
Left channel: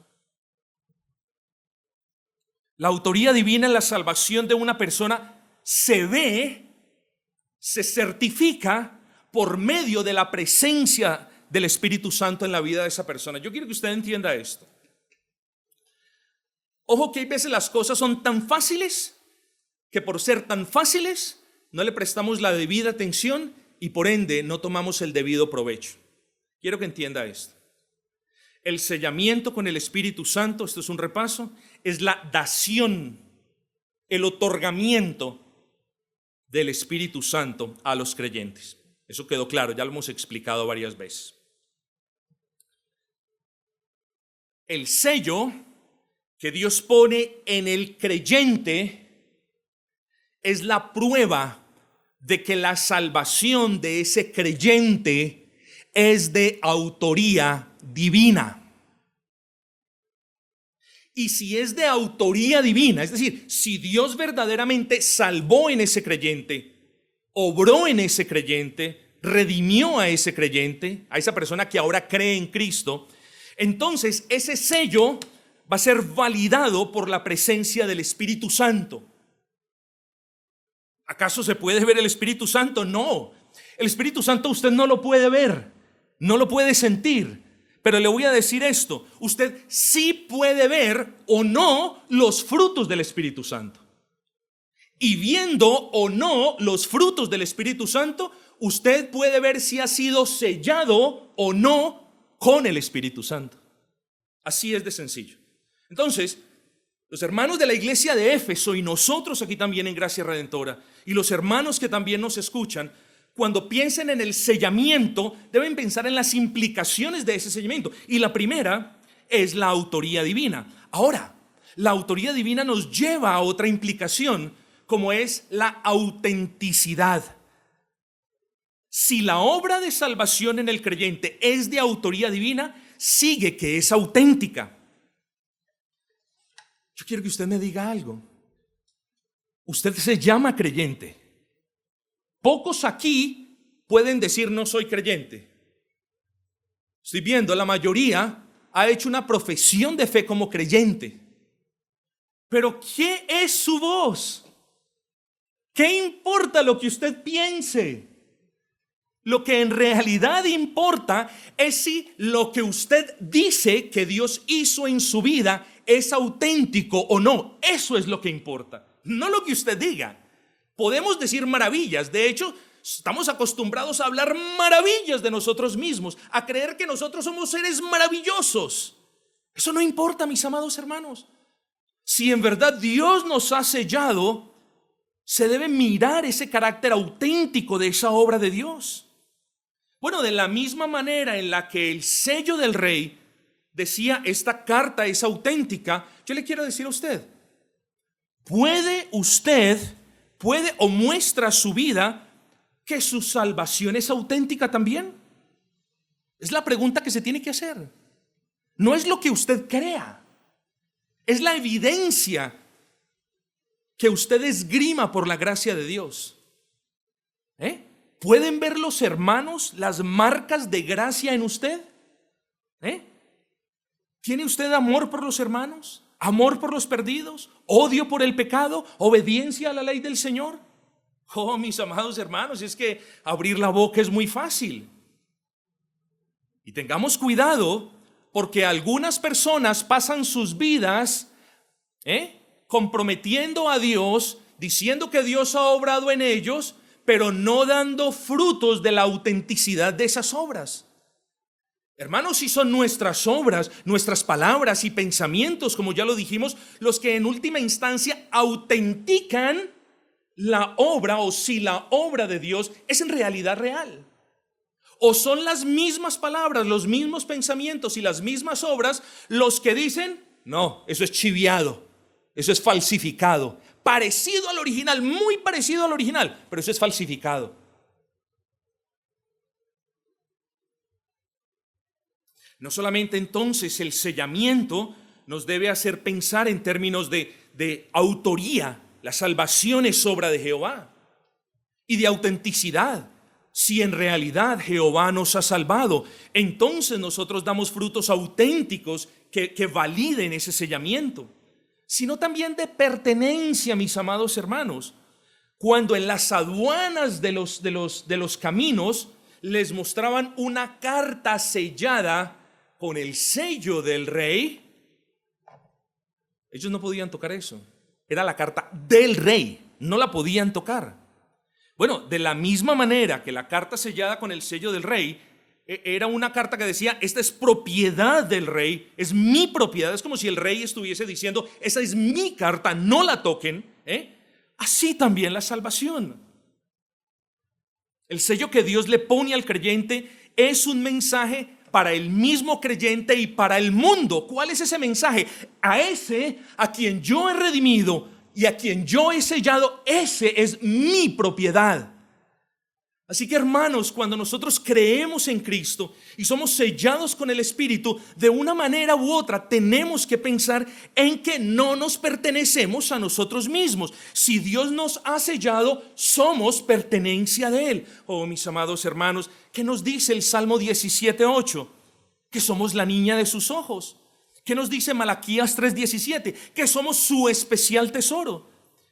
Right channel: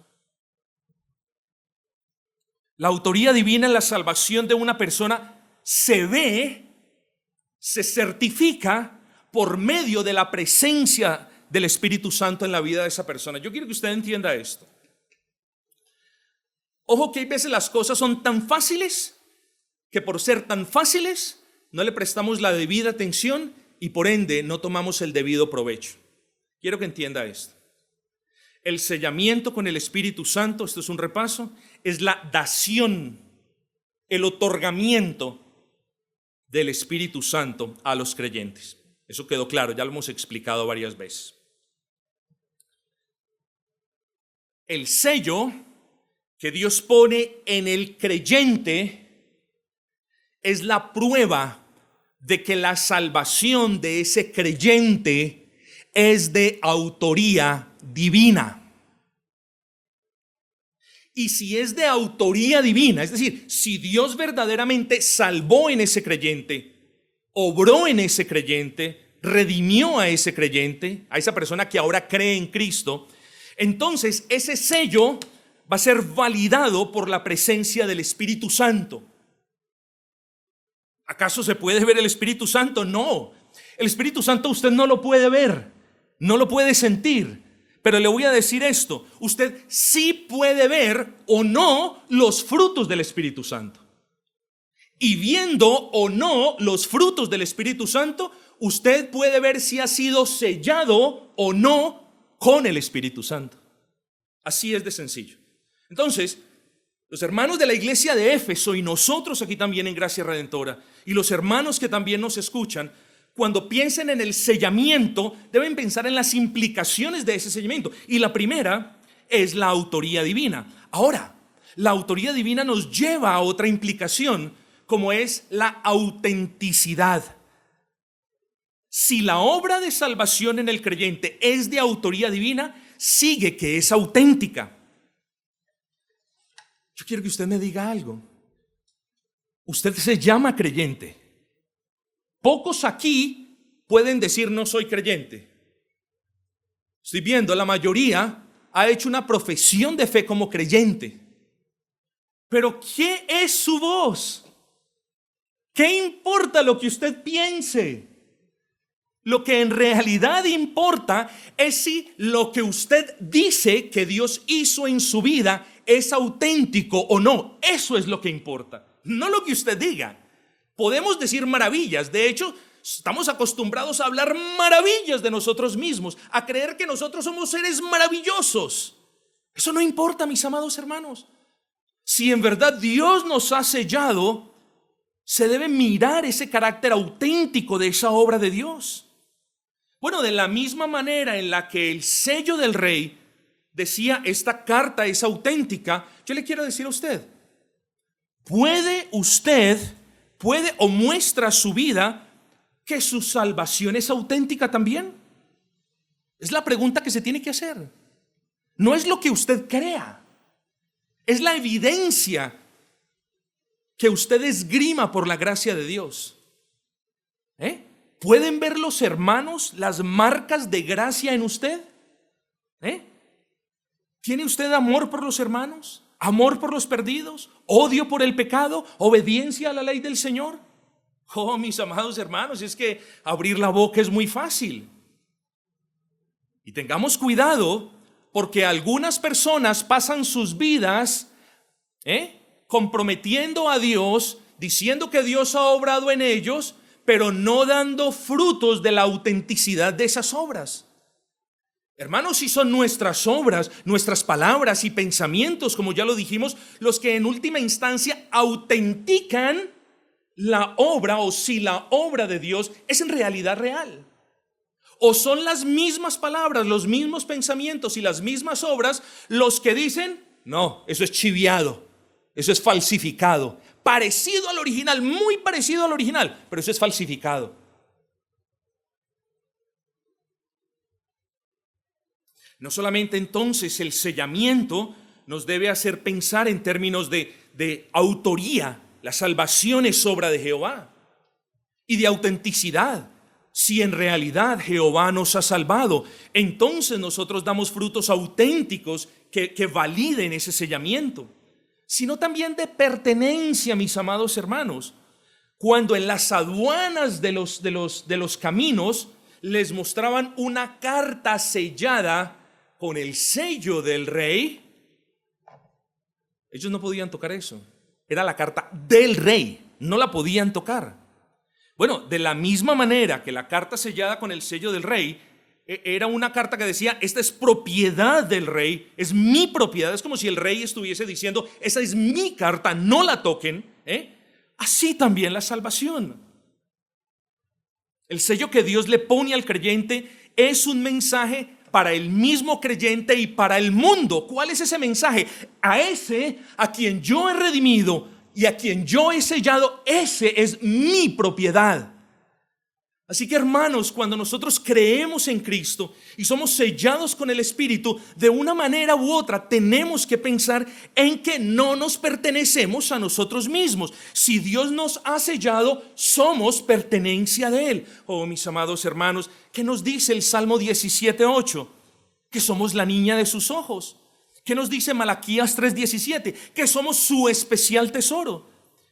La autoría divina en la salvación de una persona se ve, se certifica por medio de la presencia del Espíritu Santo en la vida de esa persona. Yo quiero que usted entienda esto. Ojo que hay veces las cosas son tan fáciles que por ser tan fáciles no le prestamos la debida atención y por ende no tomamos el debido provecho. Quiero que entienda esto. El sellamiento con el Espíritu Santo, esto es un repaso, es la dación, el otorgamiento del Espíritu Santo a los creyentes. Eso quedó claro, ya lo hemos explicado varias veces. El sello que Dios pone en el creyente es la prueba de que la salvación de ese creyente es de autoría divina. Y si es de autoría divina, es decir, si Dios verdaderamente salvó en ese creyente, obró en ese creyente, redimió a ese creyente, a esa persona que ahora cree en Cristo, entonces ese sello va a ser validado por la presencia del Espíritu Santo. ¿Acaso se puede ver el Espíritu Santo? No. El Espíritu Santo usted no lo puede ver, no lo puede sentir. Pero le voy a decir esto, usted sí puede ver o no los frutos del Espíritu Santo. Y viendo o no los frutos del Espíritu Santo, usted puede ver si ha sido sellado o no con el Espíritu Santo. Así es de sencillo. Entonces, los hermanos de la iglesia de Éfeso y nosotros aquí también en Gracia Redentora y los hermanos que también nos escuchan, cuando piensen en el sellamiento, deben pensar en las implicaciones de ese sellamiento. Y la primera es la autoría divina. Ahora, la autoría divina nos lleva a otra implicación, como es la autenticidad. Si la obra de salvación en el creyente es de autoría divina, sigue que es auténtica. Yo quiero que usted me diga algo. Usted se llama creyente. Pocos aquí pueden decir no soy creyente. Estoy viendo, la mayoría ha hecho una profesión de fe como creyente. Pero ¿qué es su voz? ¿Qué importa lo que usted piense? Lo que en realidad importa es si lo que usted dice que Dios hizo en su vida es auténtico o no. Eso es lo que importa, no lo que usted diga. Podemos decir maravillas, de hecho, estamos acostumbrados a hablar maravillas de nosotros mismos, a creer que nosotros somos seres maravillosos. Eso no importa, mis amados hermanos. Si en verdad Dios nos ha sellado, se debe mirar ese carácter auténtico de esa obra de Dios. Bueno, de la misma manera en la que el sello del rey decía esta carta es auténtica, yo le quiero decir a usted, ¿puede o muestra su vida que su salvación es auténtica también? Es la pregunta que se tiene que hacer. No es lo que usted crea, es la evidencia que usted esgrima por la gracia de Dios. ¿Pueden ver los hermanos las marcas de gracia en usted? ¿Tiene usted amor por los hermanos? ¿Amor por los perdidos? ¿Odio por el pecado? ¿Obediencia a la ley del Señor? Oh, mis amados hermanos, es que abrir la boca es muy fácil. Y tengamos cuidado porque algunas personas pasan sus vidas comprometiendo a Dios, diciendo que Dios ha obrado en ellos, pero no dando frutos de la autenticidad de esas obras. Hermanos, si son nuestras obras, nuestras palabras y pensamientos, como ya lo dijimos, los que en última instancia autentican la obra, o si la obra de Dios es en realidad real. O son las mismas palabras, los mismos pensamientos y las mismas obras los que dicen, no, eso es chiviado, eso es falsificado, parecido al original, muy parecido al original, pero eso es falsificado. No solamente entonces el sellamiento nos debe hacer pensar en términos de autoría, la salvación es obra de Jehová, y de autenticidad. Si en realidad Jehová nos ha salvado, entonces nosotros damos frutos auténticos que validen ese sellamiento, sino también de pertenencia, mis amados hermanos. Cuando en las aduanas de los caminos les mostraban una carta sellada con el sello del rey, ellos no podían tocar eso. Era la carta del rey, no la podían tocar. Bueno, de la misma manera que la carta sellada con el sello del rey era una carta que decía, esta es propiedad del rey, es mi propiedad. Es como si el rey estuviese diciendo, esa es mi carta, no la toquen. Así también la salvación. El sello que Dios le pone al creyente es un mensaje para el mismo creyente y para el mundo. ¿Cuál es ese mensaje? A ese a quien yo he redimido y a quien yo he sellado, ese es mi propiedad. Así que, hermanos, cuando nosotros creemos en Cristo y somos sellados con el Espíritu, de una manera u otra tenemos que pensar en que no nos pertenecemos a nosotros mismos. Si Dios nos ha sellado, somos pertenencia de Él. Oh, mis amados hermanos, ¿qué nos dice el Salmo 17:8? Que somos la niña de sus ojos. ¿Qué nos dice Malaquías 3:17? Que somos su especial tesoro.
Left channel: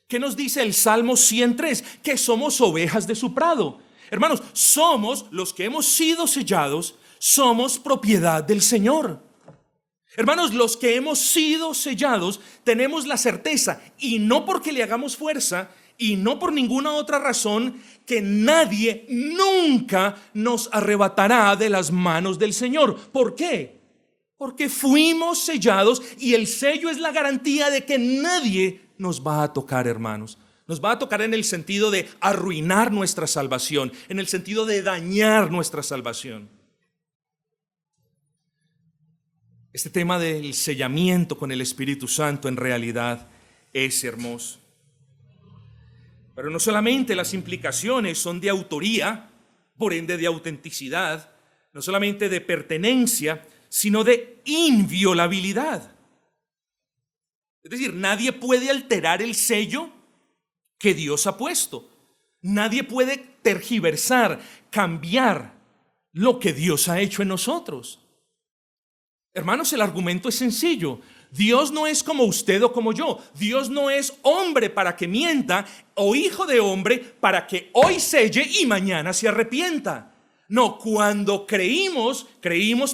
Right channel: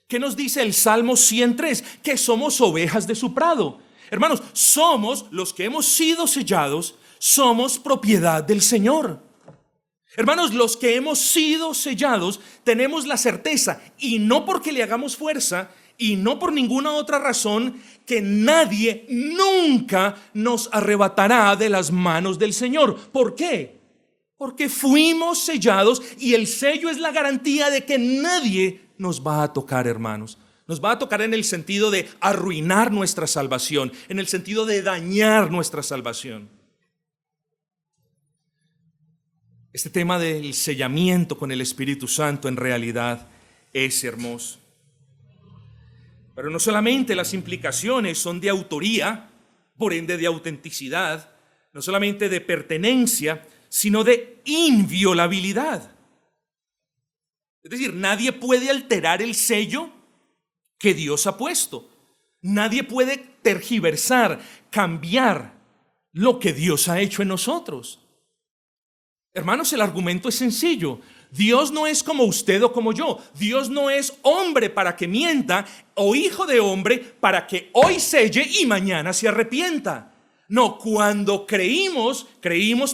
¿Qué nos dice el Salmo 103? Que somos ovejas de su prado. Hermanos, somos los que hemos sido sellados, somos propiedad del Señor. Hermanos, los que hemos sido sellados tenemos la certeza, y no porque le hagamos fuerza, y no por ninguna otra razón, que nadie nunca nos arrebatará de las manos del Señor. ¿Por qué? Porque fuimos sellados y el sello es la garantía de que nadie nos va a tocar, hermanos. Nos va a tocar en el sentido de arruinar nuestra salvación, en el sentido de dañar nuestra salvación. Este tema del sellamiento con el Espíritu Santo en realidad es hermoso. Pero no solamente las implicaciones son de autoría, por ende de autenticidad, no solamente de pertenencia, sino de inviolabilidad. Es decir, nadie puede alterar el sello que Dios ha puesto. Nadie puede tergiversar, cambiar lo que Dios ha hecho en nosotros. Hermanos, el argumento es sencillo. Dios no es como usted o como yo. Dios no es hombre para que mienta o hijo de hombre para que hoy selle y mañana se arrepienta. No, cuando creímos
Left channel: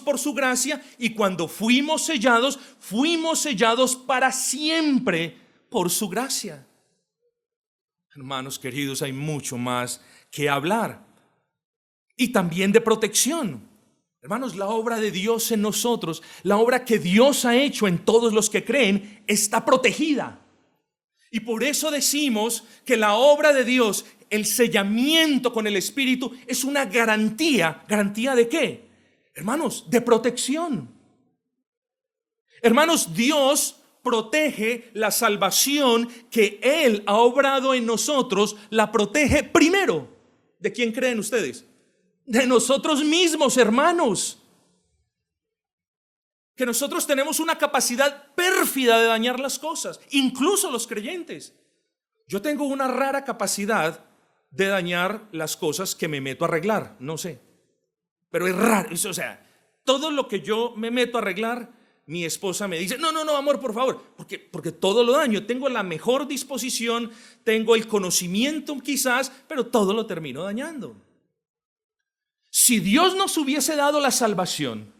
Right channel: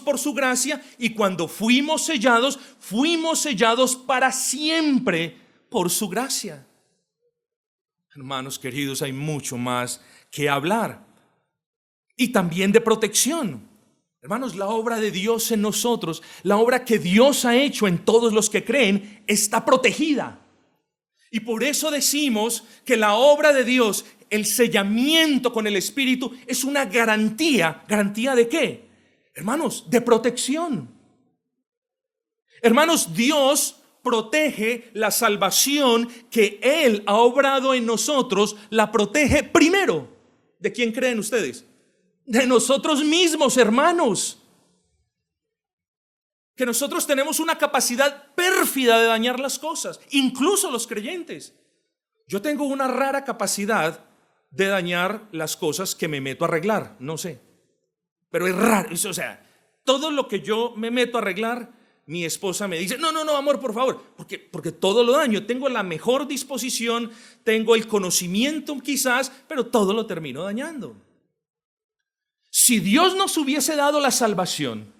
por su gracia, y cuando fuimos sellados para siempre por su gracia. Hermanos queridos, hay mucho más que hablar. Y también de protección. Hermanos, la obra de Dios en nosotros, la obra que Dios ha hecho en todos los que creen, está protegida. Y por eso decimos que la obra de Dios, el sellamiento con el Espíritu, es una garantía. ¿Garantía de qué? Hermanos, de protección. Hermanos, Dios protege la salvación que Él ha obrado en nosotros, la protege primero. ¿De quién creen ustedes? De nosotros mismos, hermanos. Que nosotros tenemos una capacidad pérfida de dañar las cosas, incluso los creyentes. Yo tengo una rara capacidad de dañar las cosas que me meto a arreglar, no sé. Pero es raro, o sea, todo lo que yo me meto a arreglar, mi esposa me dice, no, amor, por favor, porque todo lo daño. Tengo la mejor disposición, tengo el conocimiento quizás, pero todo lo termino dañando. Si Dios nos hubiese dado la salvación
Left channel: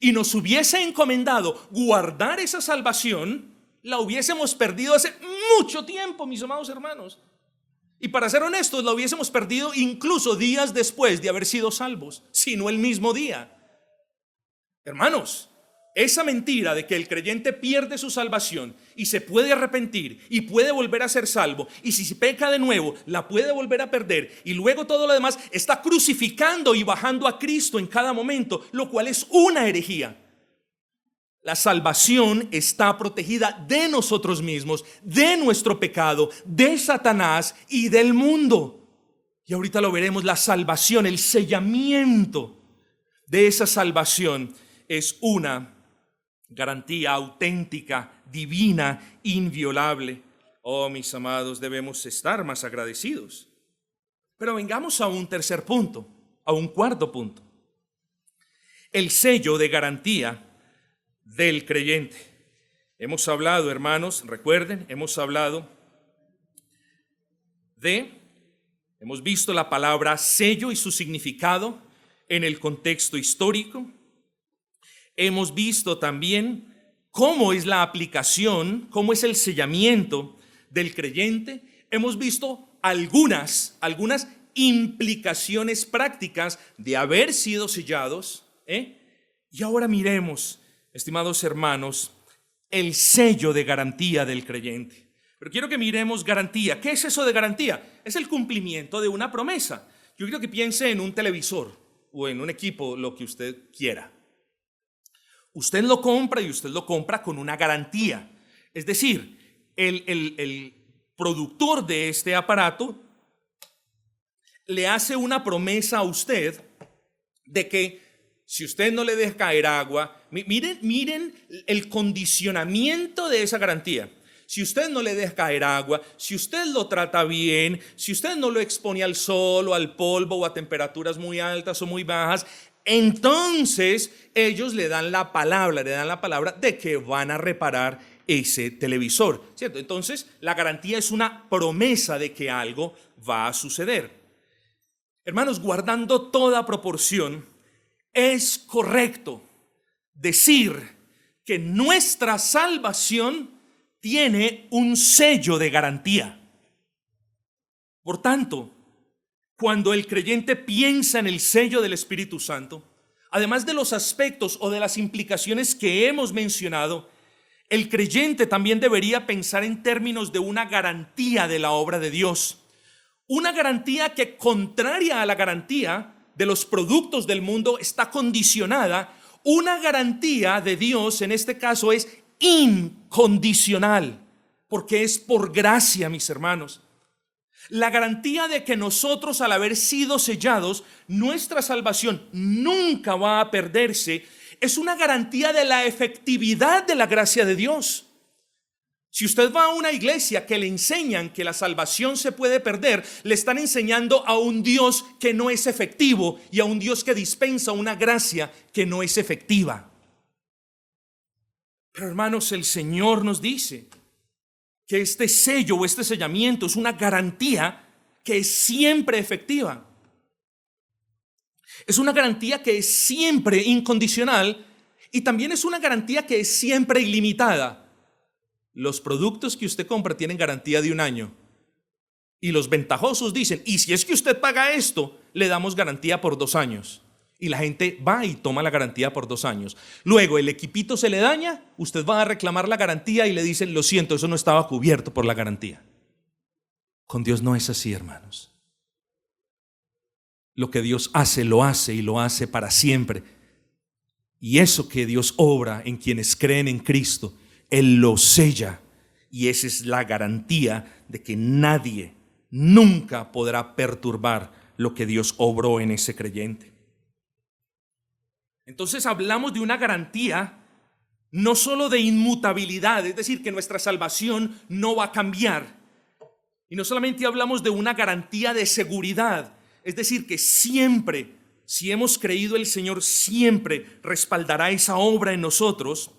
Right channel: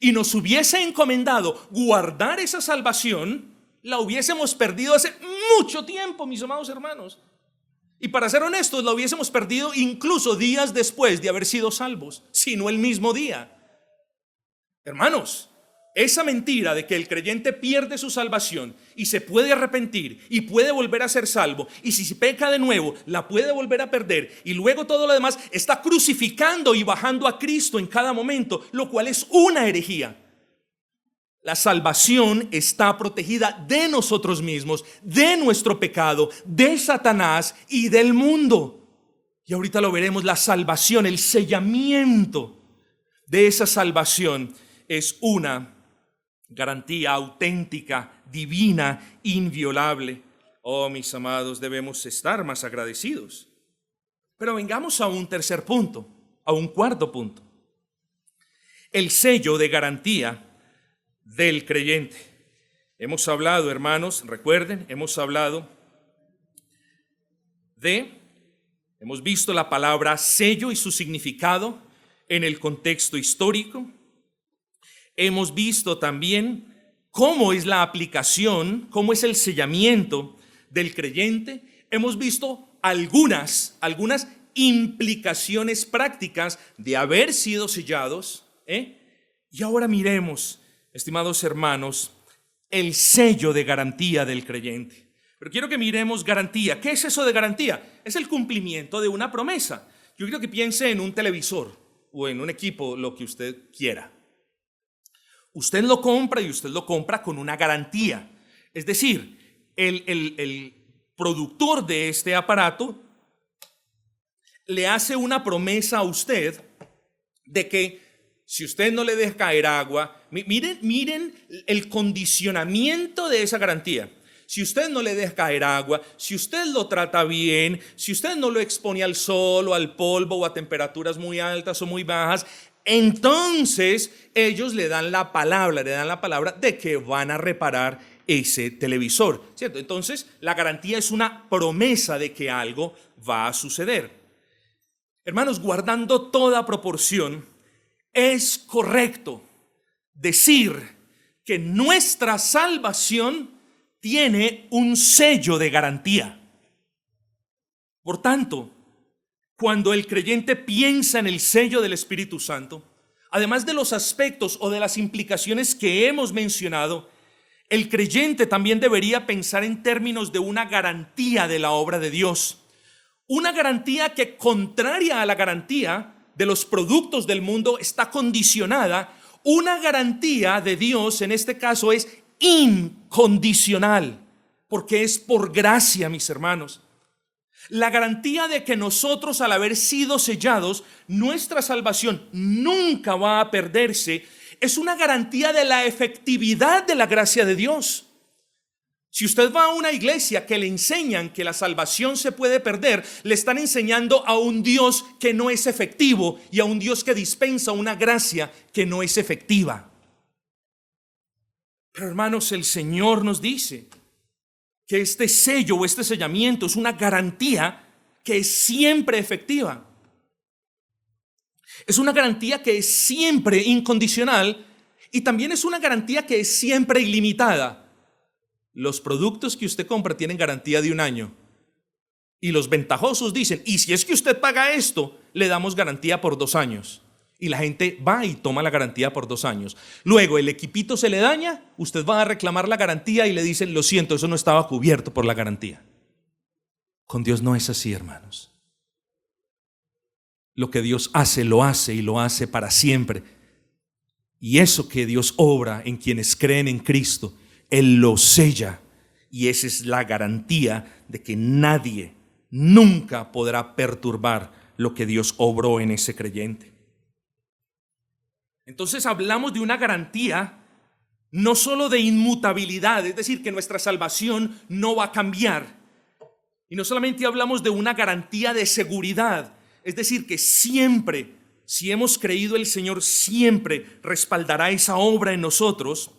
y nos hubiese encomendado guardar esa salvación, la hubiésemos perdido hace mucho tiempo, mis amados hermanos. Y para ser honestos, la hubiésemos perdido incluso días después de haber sido salvos, si no el mismo día. Hermanos, esa mentira de que el creyente pierde su salvación y se puede arrepentir y puede volver a ser salvo, y si peca de nuevo la puede volver a perder, y luego todo lo demás, está crucificando y bajando a Cristo en cada momento, lo cual es una herejía. La salvación está protegida de nosotros mismos, de nuestro pecado, de Satanás y del mundo. Y ahorita lo veremos, la salvación, el sellamiento de esa salvación es una garantía auténtica, divina, inviolable. Oh, mis amados, debemos estar más agradecidos. Pero vengamos a un tercer punto, a un cuarto punto. El sello de garantía del creyente. Hemos hablado, hermanos, recuerden, hemos visto la palabra sello y su significado. en el contexto histórico. Hemos visto también cómo es la aplicación, cómo es el sellamiento del creyente. Hemos visto algunas implicaciones prácticas de haber sido sellados, Y ahora miremos, estimados hermanos, el sello de garantía del creyente. Pero quiero que miremos garantía. ¿Qué es eso de garantía? Es el cumplimiento de una promesa. Yo quiero que piense en un televisor o en un equipo, lo que usted quiera. Usted lo compra y usted lo compra con una garantía. Es decir, el productor de este aparato le hace una promesa a usted de que si usted no le deja caer agua, miren el condicionamiento de esa garantía. Si usted no le deja caer agua, si usted lo trata bien, si usted no lo expone al sol o al polvo o a temperaturas muy altas o muy bajas, entonces ellos le dan la palabra de que van a reparar ese televisor, ¿cierto? Entonces la garantía es una promesa de que algo va a suceder. Hermanos, guardando toda proporción, es correcto decir que nuestra salvación tiene un sello de garantía. Por tanto, cuando el creyente piensa en el sello del Espíritu Santo, además de los aspectos o de las implicaciones que hemos mencionado, el creyente también debería pensar en términos de una garantía de la obra de Dios. Una garantía que, contraria a la garantía de los productos del mundo, está condicionada. Una garantía de Dios, en este caso, es incondicional, porque es por gracia, mis hermanos. La garantía de que nosotros, al haber sido sellados, nuestra salvación nunca va a perderse, es una garantía de la efectividad de la gracia de Dios. Si usted va a una iglesia que le enseñan que la salvación se puede perder, le están enseñando a un Dios que no es efectivo y a un Dios que dispensa una gracia que no es efectiva. Pero hermanos, el Señor nos dice que este sello o este sellamiento es una garantía que es siempre efectiva. Es una garantía que es siempre incondicional y también es una garantía que es siempre ilimitada. Los productos que usted compra tienen garantía de 1 año y los ventajosos dicen, y si es que usted paga esto, le damos garantía por 2 años. Y la gente va y toma la garantía por 2 años. Luego el equipito se le daña, usted va a reclamar la garantía y le dicen, lo siento, eso no estaba cubierto por la garantía. Con Dios no es así, hermanos. Lo que Dios hace, lo hace y lo hace para siempre. Y eso que Dios obra en quienes creen en Cristo, Él lo sella. Y esa es la garantía de que nadie nunca podrá perturbar lo que Dios obró en ese creyente. Entonces hablamos de una garantía no solo de inmutabilidad, es decir, que nuestra salvación no va a cambiar. Y no solamente hablamos de una garantía de seguridad, es decir, que siempre, si hemos creído, el Señor siempre respaldará esa obra en nosotros,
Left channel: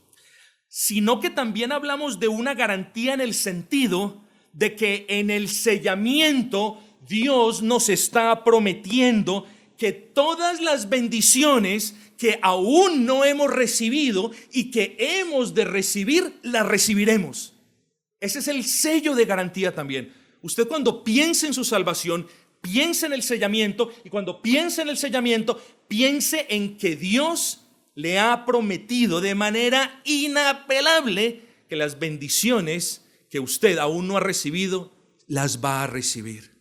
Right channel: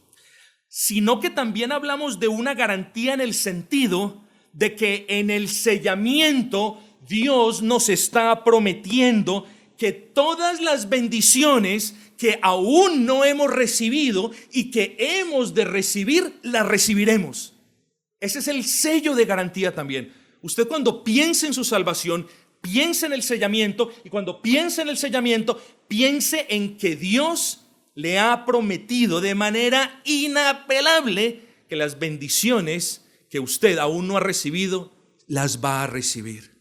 sino que también hablamos de una garantía en el sentido de que en el sellamiento Dios nos está prometiendo que todas las bendiciones que aún no hemos recibido y que hemos de recibir, las recibiremos. Ese es el sello de garantía también. Usted, cuando piense en su salvación, piense en el sellamiento, y cuando piense en el sellamiento, piense en que Dios le ha prometido de manera inapelable que las bendiciones que usted aún no ha recibido, las va a recibir.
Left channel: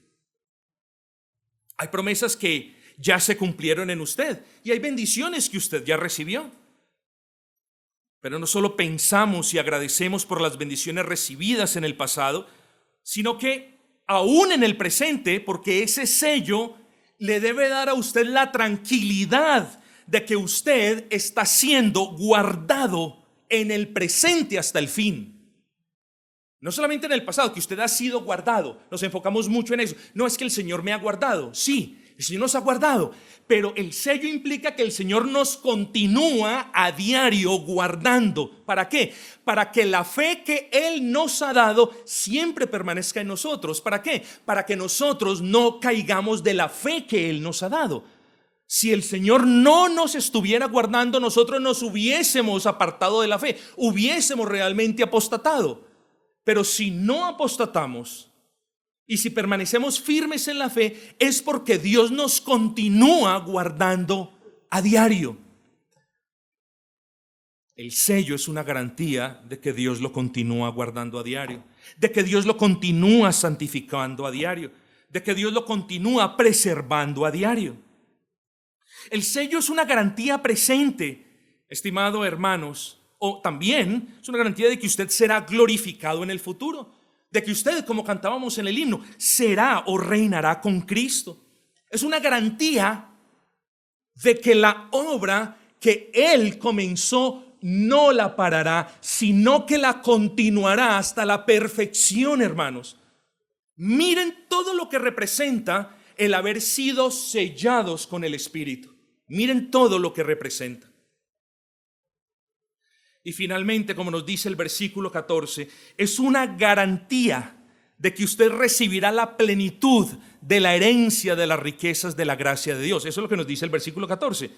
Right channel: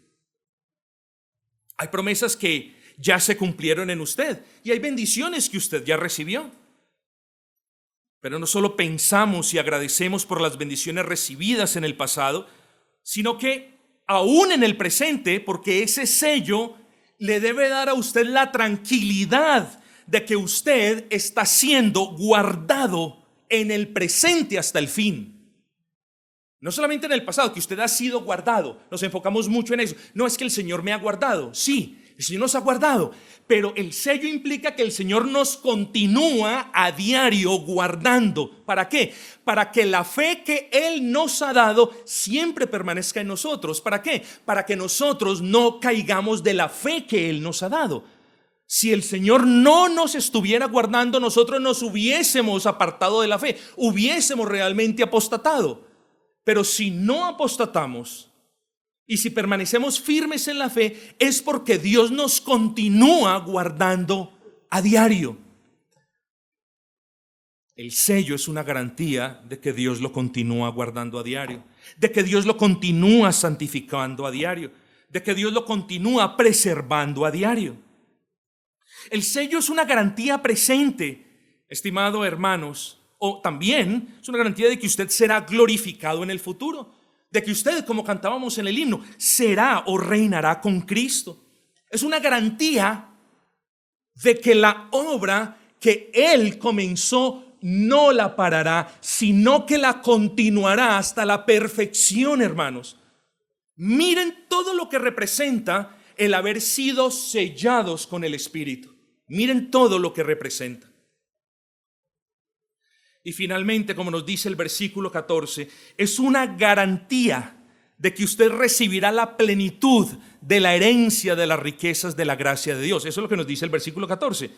Hay promesas que ya se cumplieron en usted y hay bendiciones que usted ya recibió. Pero no solo pensamos y agradecemos por las bendiciones recibidas en el pasado, sino que aún en el presente, porque ese sello le debe dar a usted la tranquilidad de que usted está siendo guardado en el presente hasta el fin. No solamente en el pasado, que usted ha sido guardado. Nos enfocamos mucho en eso. No es que el Señor me ha guardado. Sí, el Señor nos ha guardado. Pero el sello implica que el Señor nos continúa a diario guardando. ¿Para qué? Para que la fe que Él nos ha dado siempre permanezca en nosotros. ¿Para qué? Para que nosotros no caigamos de la fe que Él nos ha dado. Si el Señor no nos estuviera guardando, nosotros nos hubiésemos apartado de la fe, hubiésemos realmente apostatado. Pero si no apostatamos y si permanecemos firmes en la fe, es porque Dios nos continúa guardando a diario. El sello es una garantía de que Dios lo continúa guardando a diario, de que Dios lo continúa santificando a diario, de que Dios lo continúa preservando a diario. El sello es una garantía presente, estimado hermanos, o también es una garantía de que usted será glorificado en el futuro, de que usted, como cantábamos en el himno, será o reinará con Cristo. Es una garantía de que la obra que Él comenzó no la parará, sino que la continuará hasta la perfección, hermanos. Miren todo lo que representa el haber sido sellados con el Espíritu. Miren todo lo que representa. Y finalmente, como nos dice el versículo 14, es una garantía de que usted recibirá la plenitud de la herencia de las riquezas de la gracia de Dios. Eso es lo que nos dice el versículo 14,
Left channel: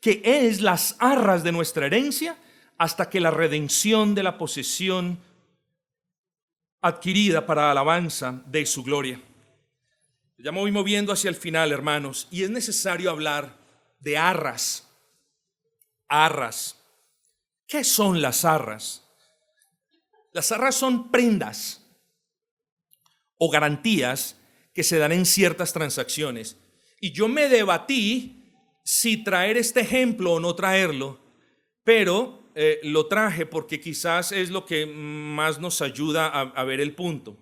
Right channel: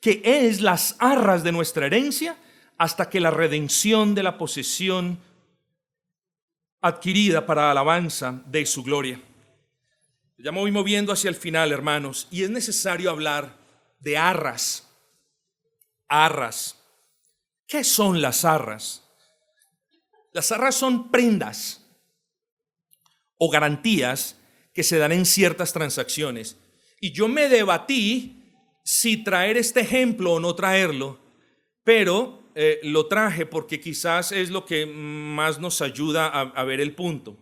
que es las arras de nuestra herencia hasta que la redención de la posesión adquirida para alabanza de su gloria. Ya me voy moviendo hacia el final, hermanos, y es necesario hablar de arras. Arras. ¿Qué son las arras? Las arras son prendas o garantías que se dan en ciertas transacciones. Y yo me debatí si traer este ejemplo o no traerlo, pero lo traje porque quizás es lo que más nos ayuda a ver el punto.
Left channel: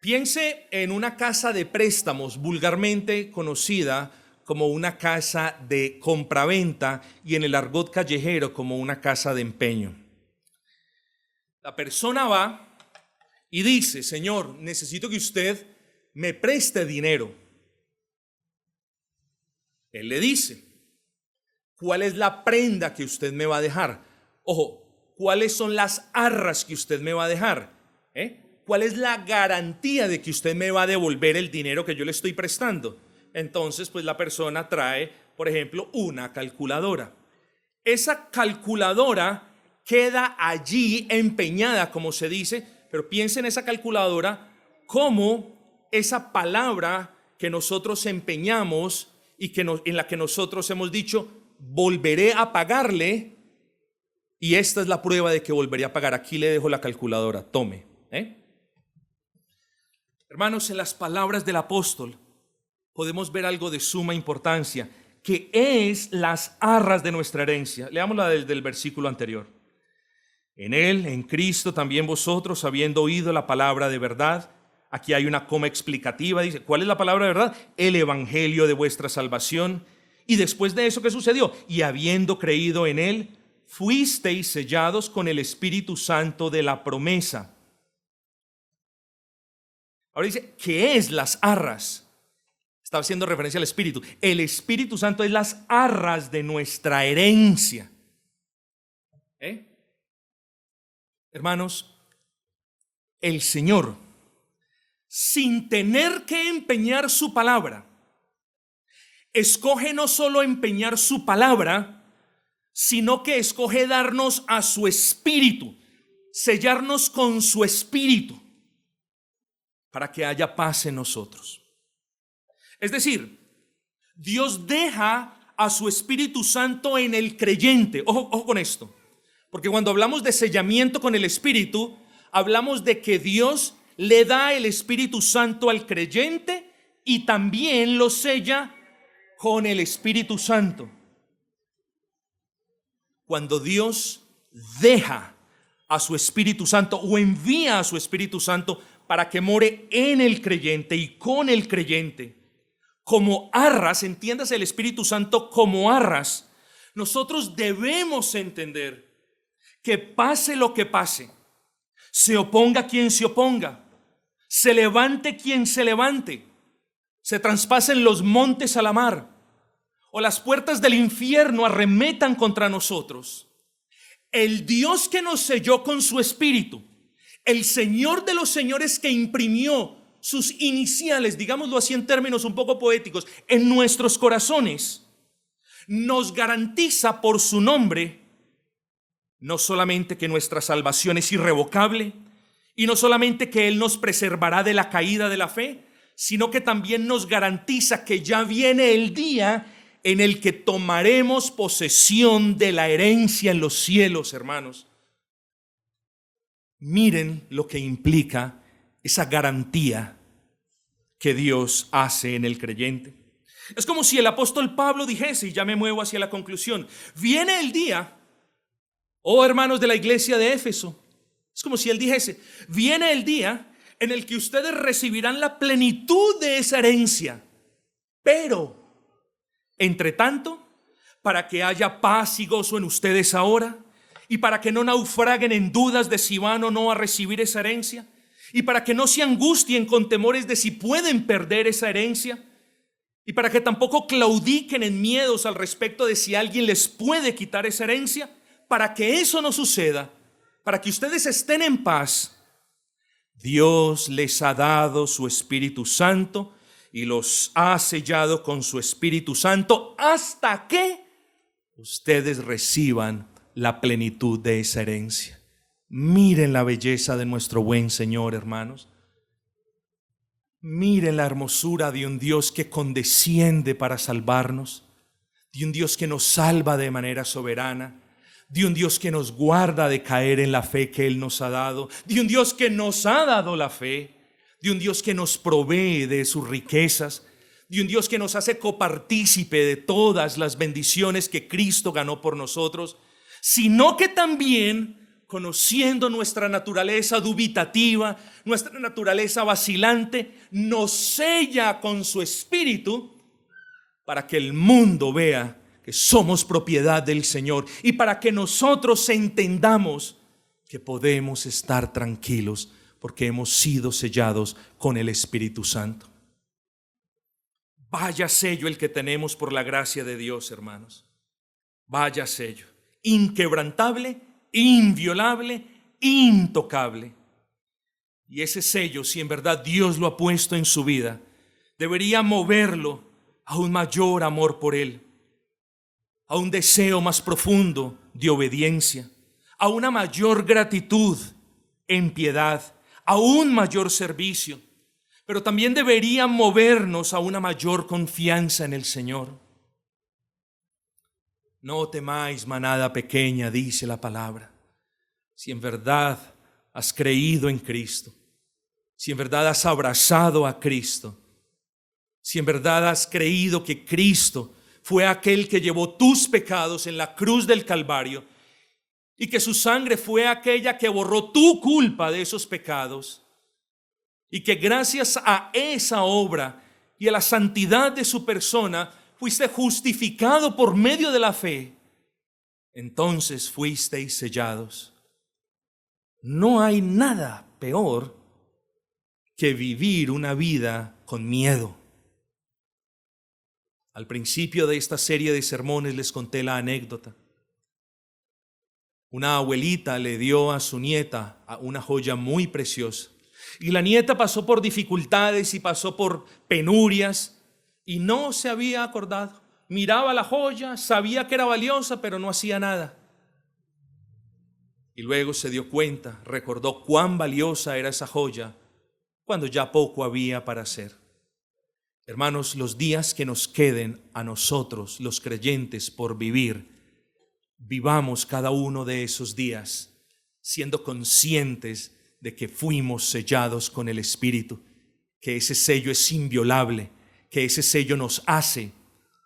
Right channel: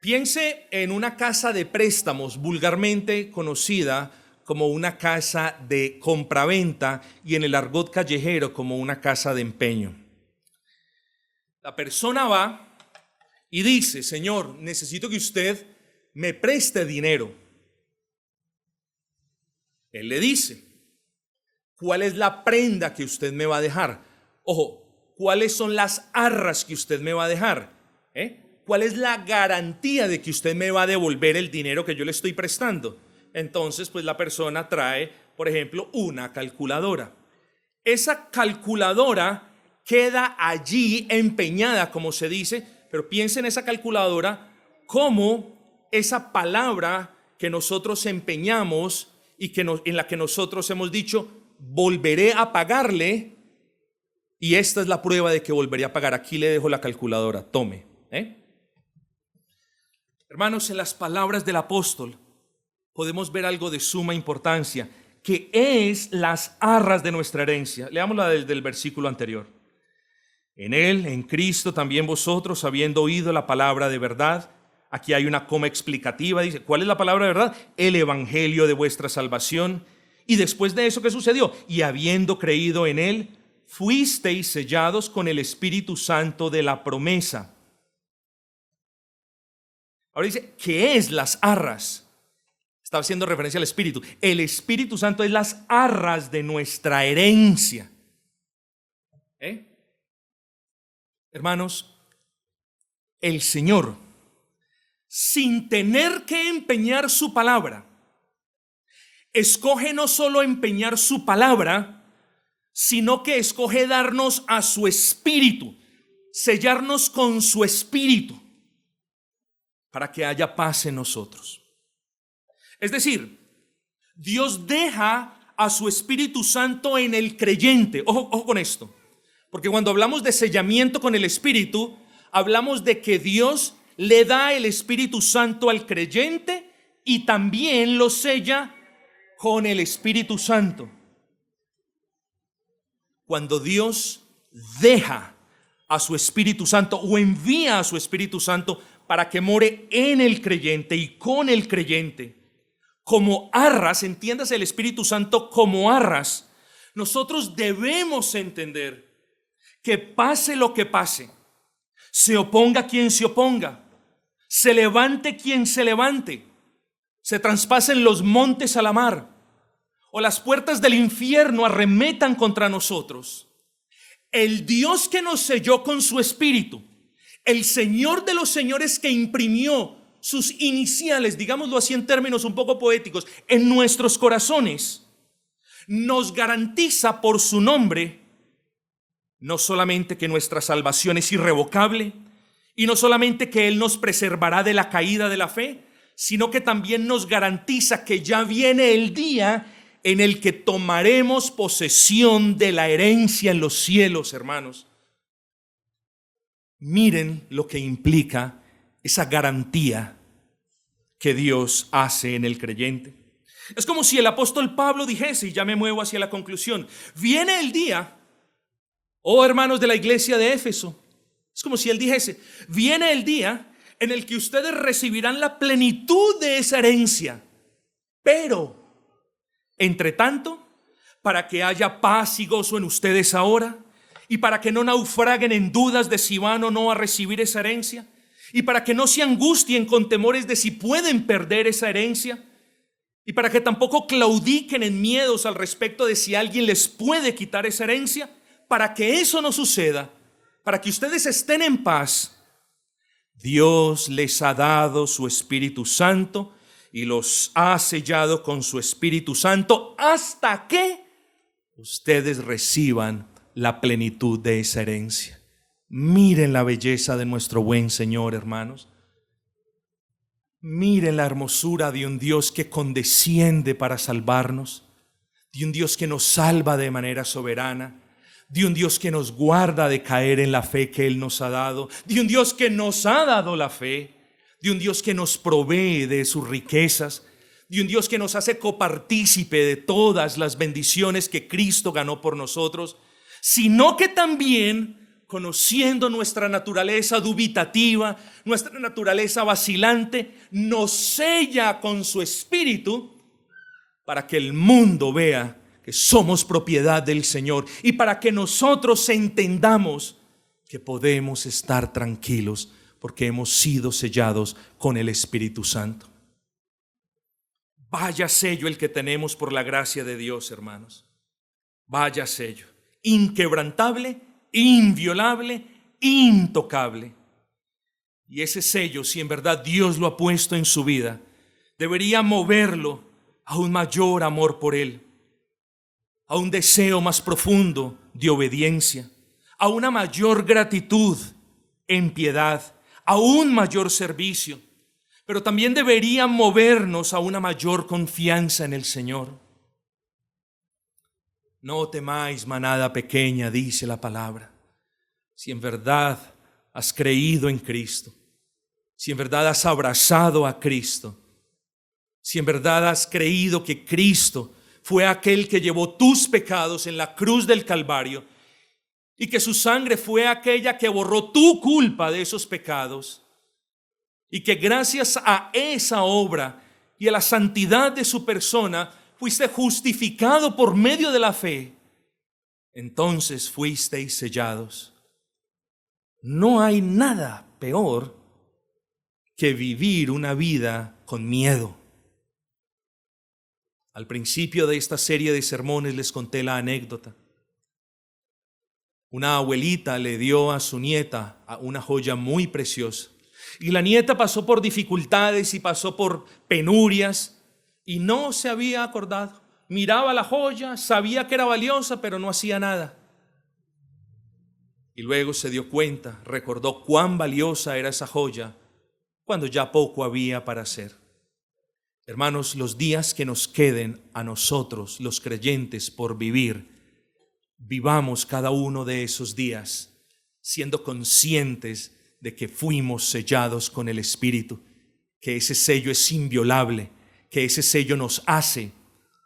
Piense en una casa de préstamos, vulgarmente conocida como una casa de compraventa y en el argot callejero como una casa de empeño. La persona va y dice: Señor, necesito que usted me preste dinero. Él le dice: ¿cuál es la prenda que usted me va a dejar? Ojo, ¿cuáles son las arras que usted me va a dejar? ¿Cuál es la garantía de que usted me va a devolver el dinero que yo le estoy prestando? Entonces, pues la persona trae, por ejemplo, una calculadora. Esa calculadora queda allí empeñada, como se dice, pero piensa en esa calculadora como esa palabra que nosotros empeñamos y en la que nosotros hemos dicho: volveré a pagarle, y esta es la prueba de que volveré a pagar. Aquí le dejo la calculadora, tome. Hermanos, en las palabras del apóstol podemos ver algo de suma importancia, que es las arras de nuestra herencia. Leámosla desde el versículo anterior. En Él, en Cristo, también vosotros, habiendo oído la palabra de verdad. Aquí hay una coma explicativa, dice, ¿cuál es la palabra de verdad? El evangelio de vuestra salvación. Y después de eso, ¿qué sucedió? Y habiendo creído en Él, fuisteis sellados con el Espíritu Santo de la promesa. Ahora dice, ¿qué es las arras? Está haciendo referencia al Espíritu. El Espíritu Santo es las arras de nuestra herencia. Hermanos, el Señor, sin tener que empeñar su palabra, escoge no solo empeñar su palabra, sino que escoge darnos a su Espíritu, sellarnos con su Espíritu, para que haya paz en nosotros. Es decir, Dios deja a su Espíritu Santo en el creyente. Ojo con esto, porque cuando hablamos de sellamiento con el Espíritu, hablamos de que Dios le da el Espíritu Santo al creyente y también lo sella con el Espíritu Santo. Cuando Dios deja a su Espíritu Santo o envía a su Espíritu Santo para que more en el creyente y con el creyente, como arras, entiéndase el Espíritu Santo como arras, nosotros debemos entender que pase lo que pase, se oponga quien se oponga, se levante quien se levante, se traspasen los montes a la mar, o las puertas del infierno arremetan contra nosotros, el Dios que nos selló con su Espíritu, el Señor de los señores que imprimió sus iniciales, digámoslo así en términos un poco poéticos, en nuestros corazones, nos garantiza por su nombre no solamente que nuestra salvación es irrevocable y no solamente que Él nos preservará de la caída de la fe, sino que también nos garantiza que ya viene el día en el que tomaremos posesión de la herencia en los cielos, hermanos. Miren lo que implica esa garantía que Dios hace en el creyente. Es como si el apóstol Pablo dijese, y ya me muevo hacia la conclusión, viene el día, oh hermanos de la iglesia de Éfeso, es como si él dijese, viene el día en el que ustedes recibirán la plenitud de esa herencia, pero, entre tanto, para que haya paz y gozo en ustedes ahora, y para que no naufraguen en dudas de si van o no a recibir esa herencia, y para que no se angustien con temores de si pueden perder esa herencia, y para que tampoco claudiquen en miedos al respecto de si alguien les puede quitar esa herencia, para que eso no suceda, para que ustedes estén en paz, Dios les ha dado su Espíritu Santo y los ha sellado con su Espíritu Santo hasta que ustedes reciban la plenitud de esa herencia. Miren la belleza de nuestro buen Señor, hermanos. Miren la hermosura de un Dios que condesciende para salvarnos, de un Dios que nos salva de manera soberana, de un Dios que nos guarda de caer en la fe que Él nos ha dado, de un Dios que nos ha dado la fe, de un Dios que nos provee de sus riquezas, de un Dios que nos hace copartícipe de todas las bendiciones que Cristo ganó por nosotros, sino que también, conociendo nuestra naturaleza dubitativa, nuestra naturaleza vacilante, nos sella con su Espíritu para que el mundo vea que somos propiedad del Señor y para que nosotros entendamos que podemos estar tranquilos porque hemos sido sellados con el Espíritu Santo. Vaya sello el que tenemos por la gracia de Dios, hermanos. Vaya sello, inquebrantable, inviolable, intocable. Y ese sello, si en verdad Dios lo ha puesto en su vida, debería moverlo a un mayor amor por Él, a un deseo más profundo de obediencia, a una mayor gratitud en piedad, a un mayor servicio, pero también debería movernos a una mayor confianza en el Señor. No temáis, manada pequeña, dice la palabra. Si en verdad has creído en Cristo, si en verdad has abrazado a Cristo, si en verdad has creído que Cristo fue aquel que llevó tus pecados en la cruz del Calvario y que su sangre fue aquella que borró tu culpa de esos pecados y que gracias a esa obra y a la santidad de su persona fuiste justificado por medio de la fe, entonces fuisteis sellados. No hay nada peor que vivir una vida con miedo. Al principio de esta serie de sermones les conté la anécdota. Una abuelita le dio a su nieta una joya muy preciosa. Y la nieta pasó por dificultades y pasó por penurias y no se había acordado. Miraba la joya, sabía que era valiosa, pero no hacía nada. Y luego se dio cuenta, recordó cuán valiosa era esa joya cuando ya poco había para hacer. Hermanos, los días que nos queden a nosotros, los creyentes, por vivir, vivamos cada uno de esos días siendo conscientes de que fuimos sellados con el Espíritu, que ese sello es inviolable, que ese sello nos hace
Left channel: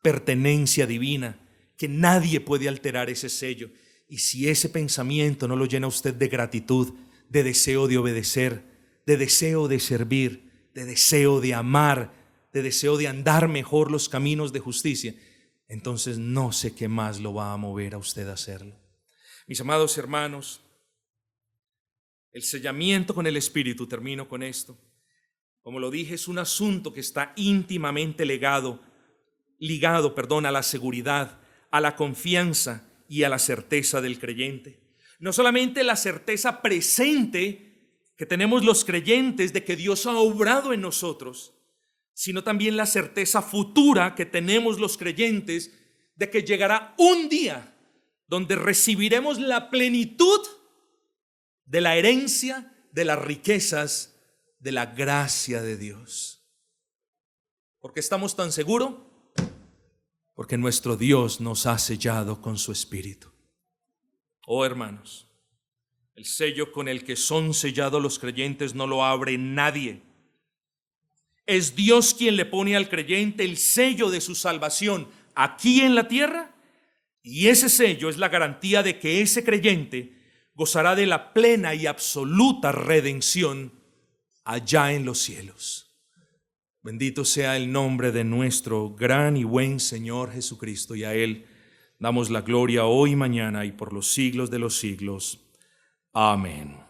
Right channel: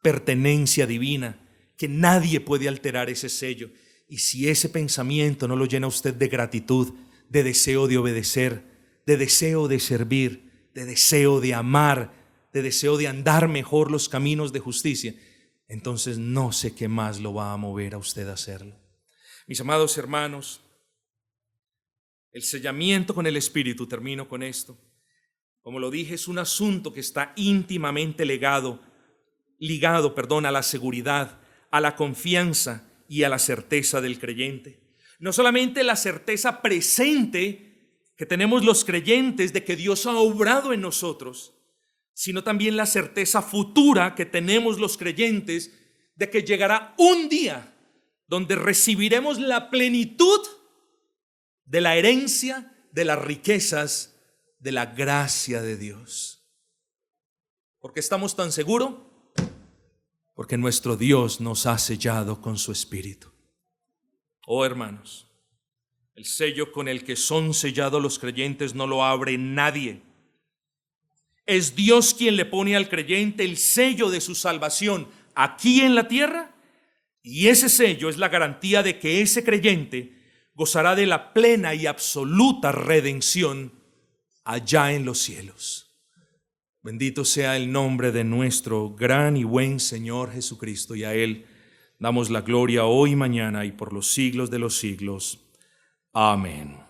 pertenencia divina, que nadie puede alterar ese sello. Y si ese pensamiento no lo llena usted de gratitud, de deseo de obedecer, de deseo de servir, de deseo de amar, de deseo de andar mejor los caminos de justicia, entonces no sé qué más lo va a mover a usted a hacerlo. Mis amados hermanos, el sellamiento con el Espíritu, termino con esto. Como lo dije, es un asunto que está íntimamente ligado a la seguridad, a la confianza y a la certeza del creyente. No solamente la certeza presente que tenemos los creyentes de que Dios ha obrado en nosotros, sino también la certeza futura que tenemos los creyentes de que llegará un día donde recibiremos la plenitud de la herencia, de las riquezas, de la gracia de Dios. ¿Por qué estamos tan seguros? Porque nuestro Dios nos ha sellado con su Espíritu. Oh hermanos, el sello con el que son sellados los creyentes no lo abre nadie. Es Dios quien le pone al creyente el sello de su salvación aquí en la tierra, y ese sello es la garantía de que ese creyente gozará de la plena y absoluta redención allá en los cielos. Bendito sea el nombre de nuestro gran y buen Señor Jesucristo, y a Él damos la gloria hoy, mañana y por los siglos de los siglos. Amén.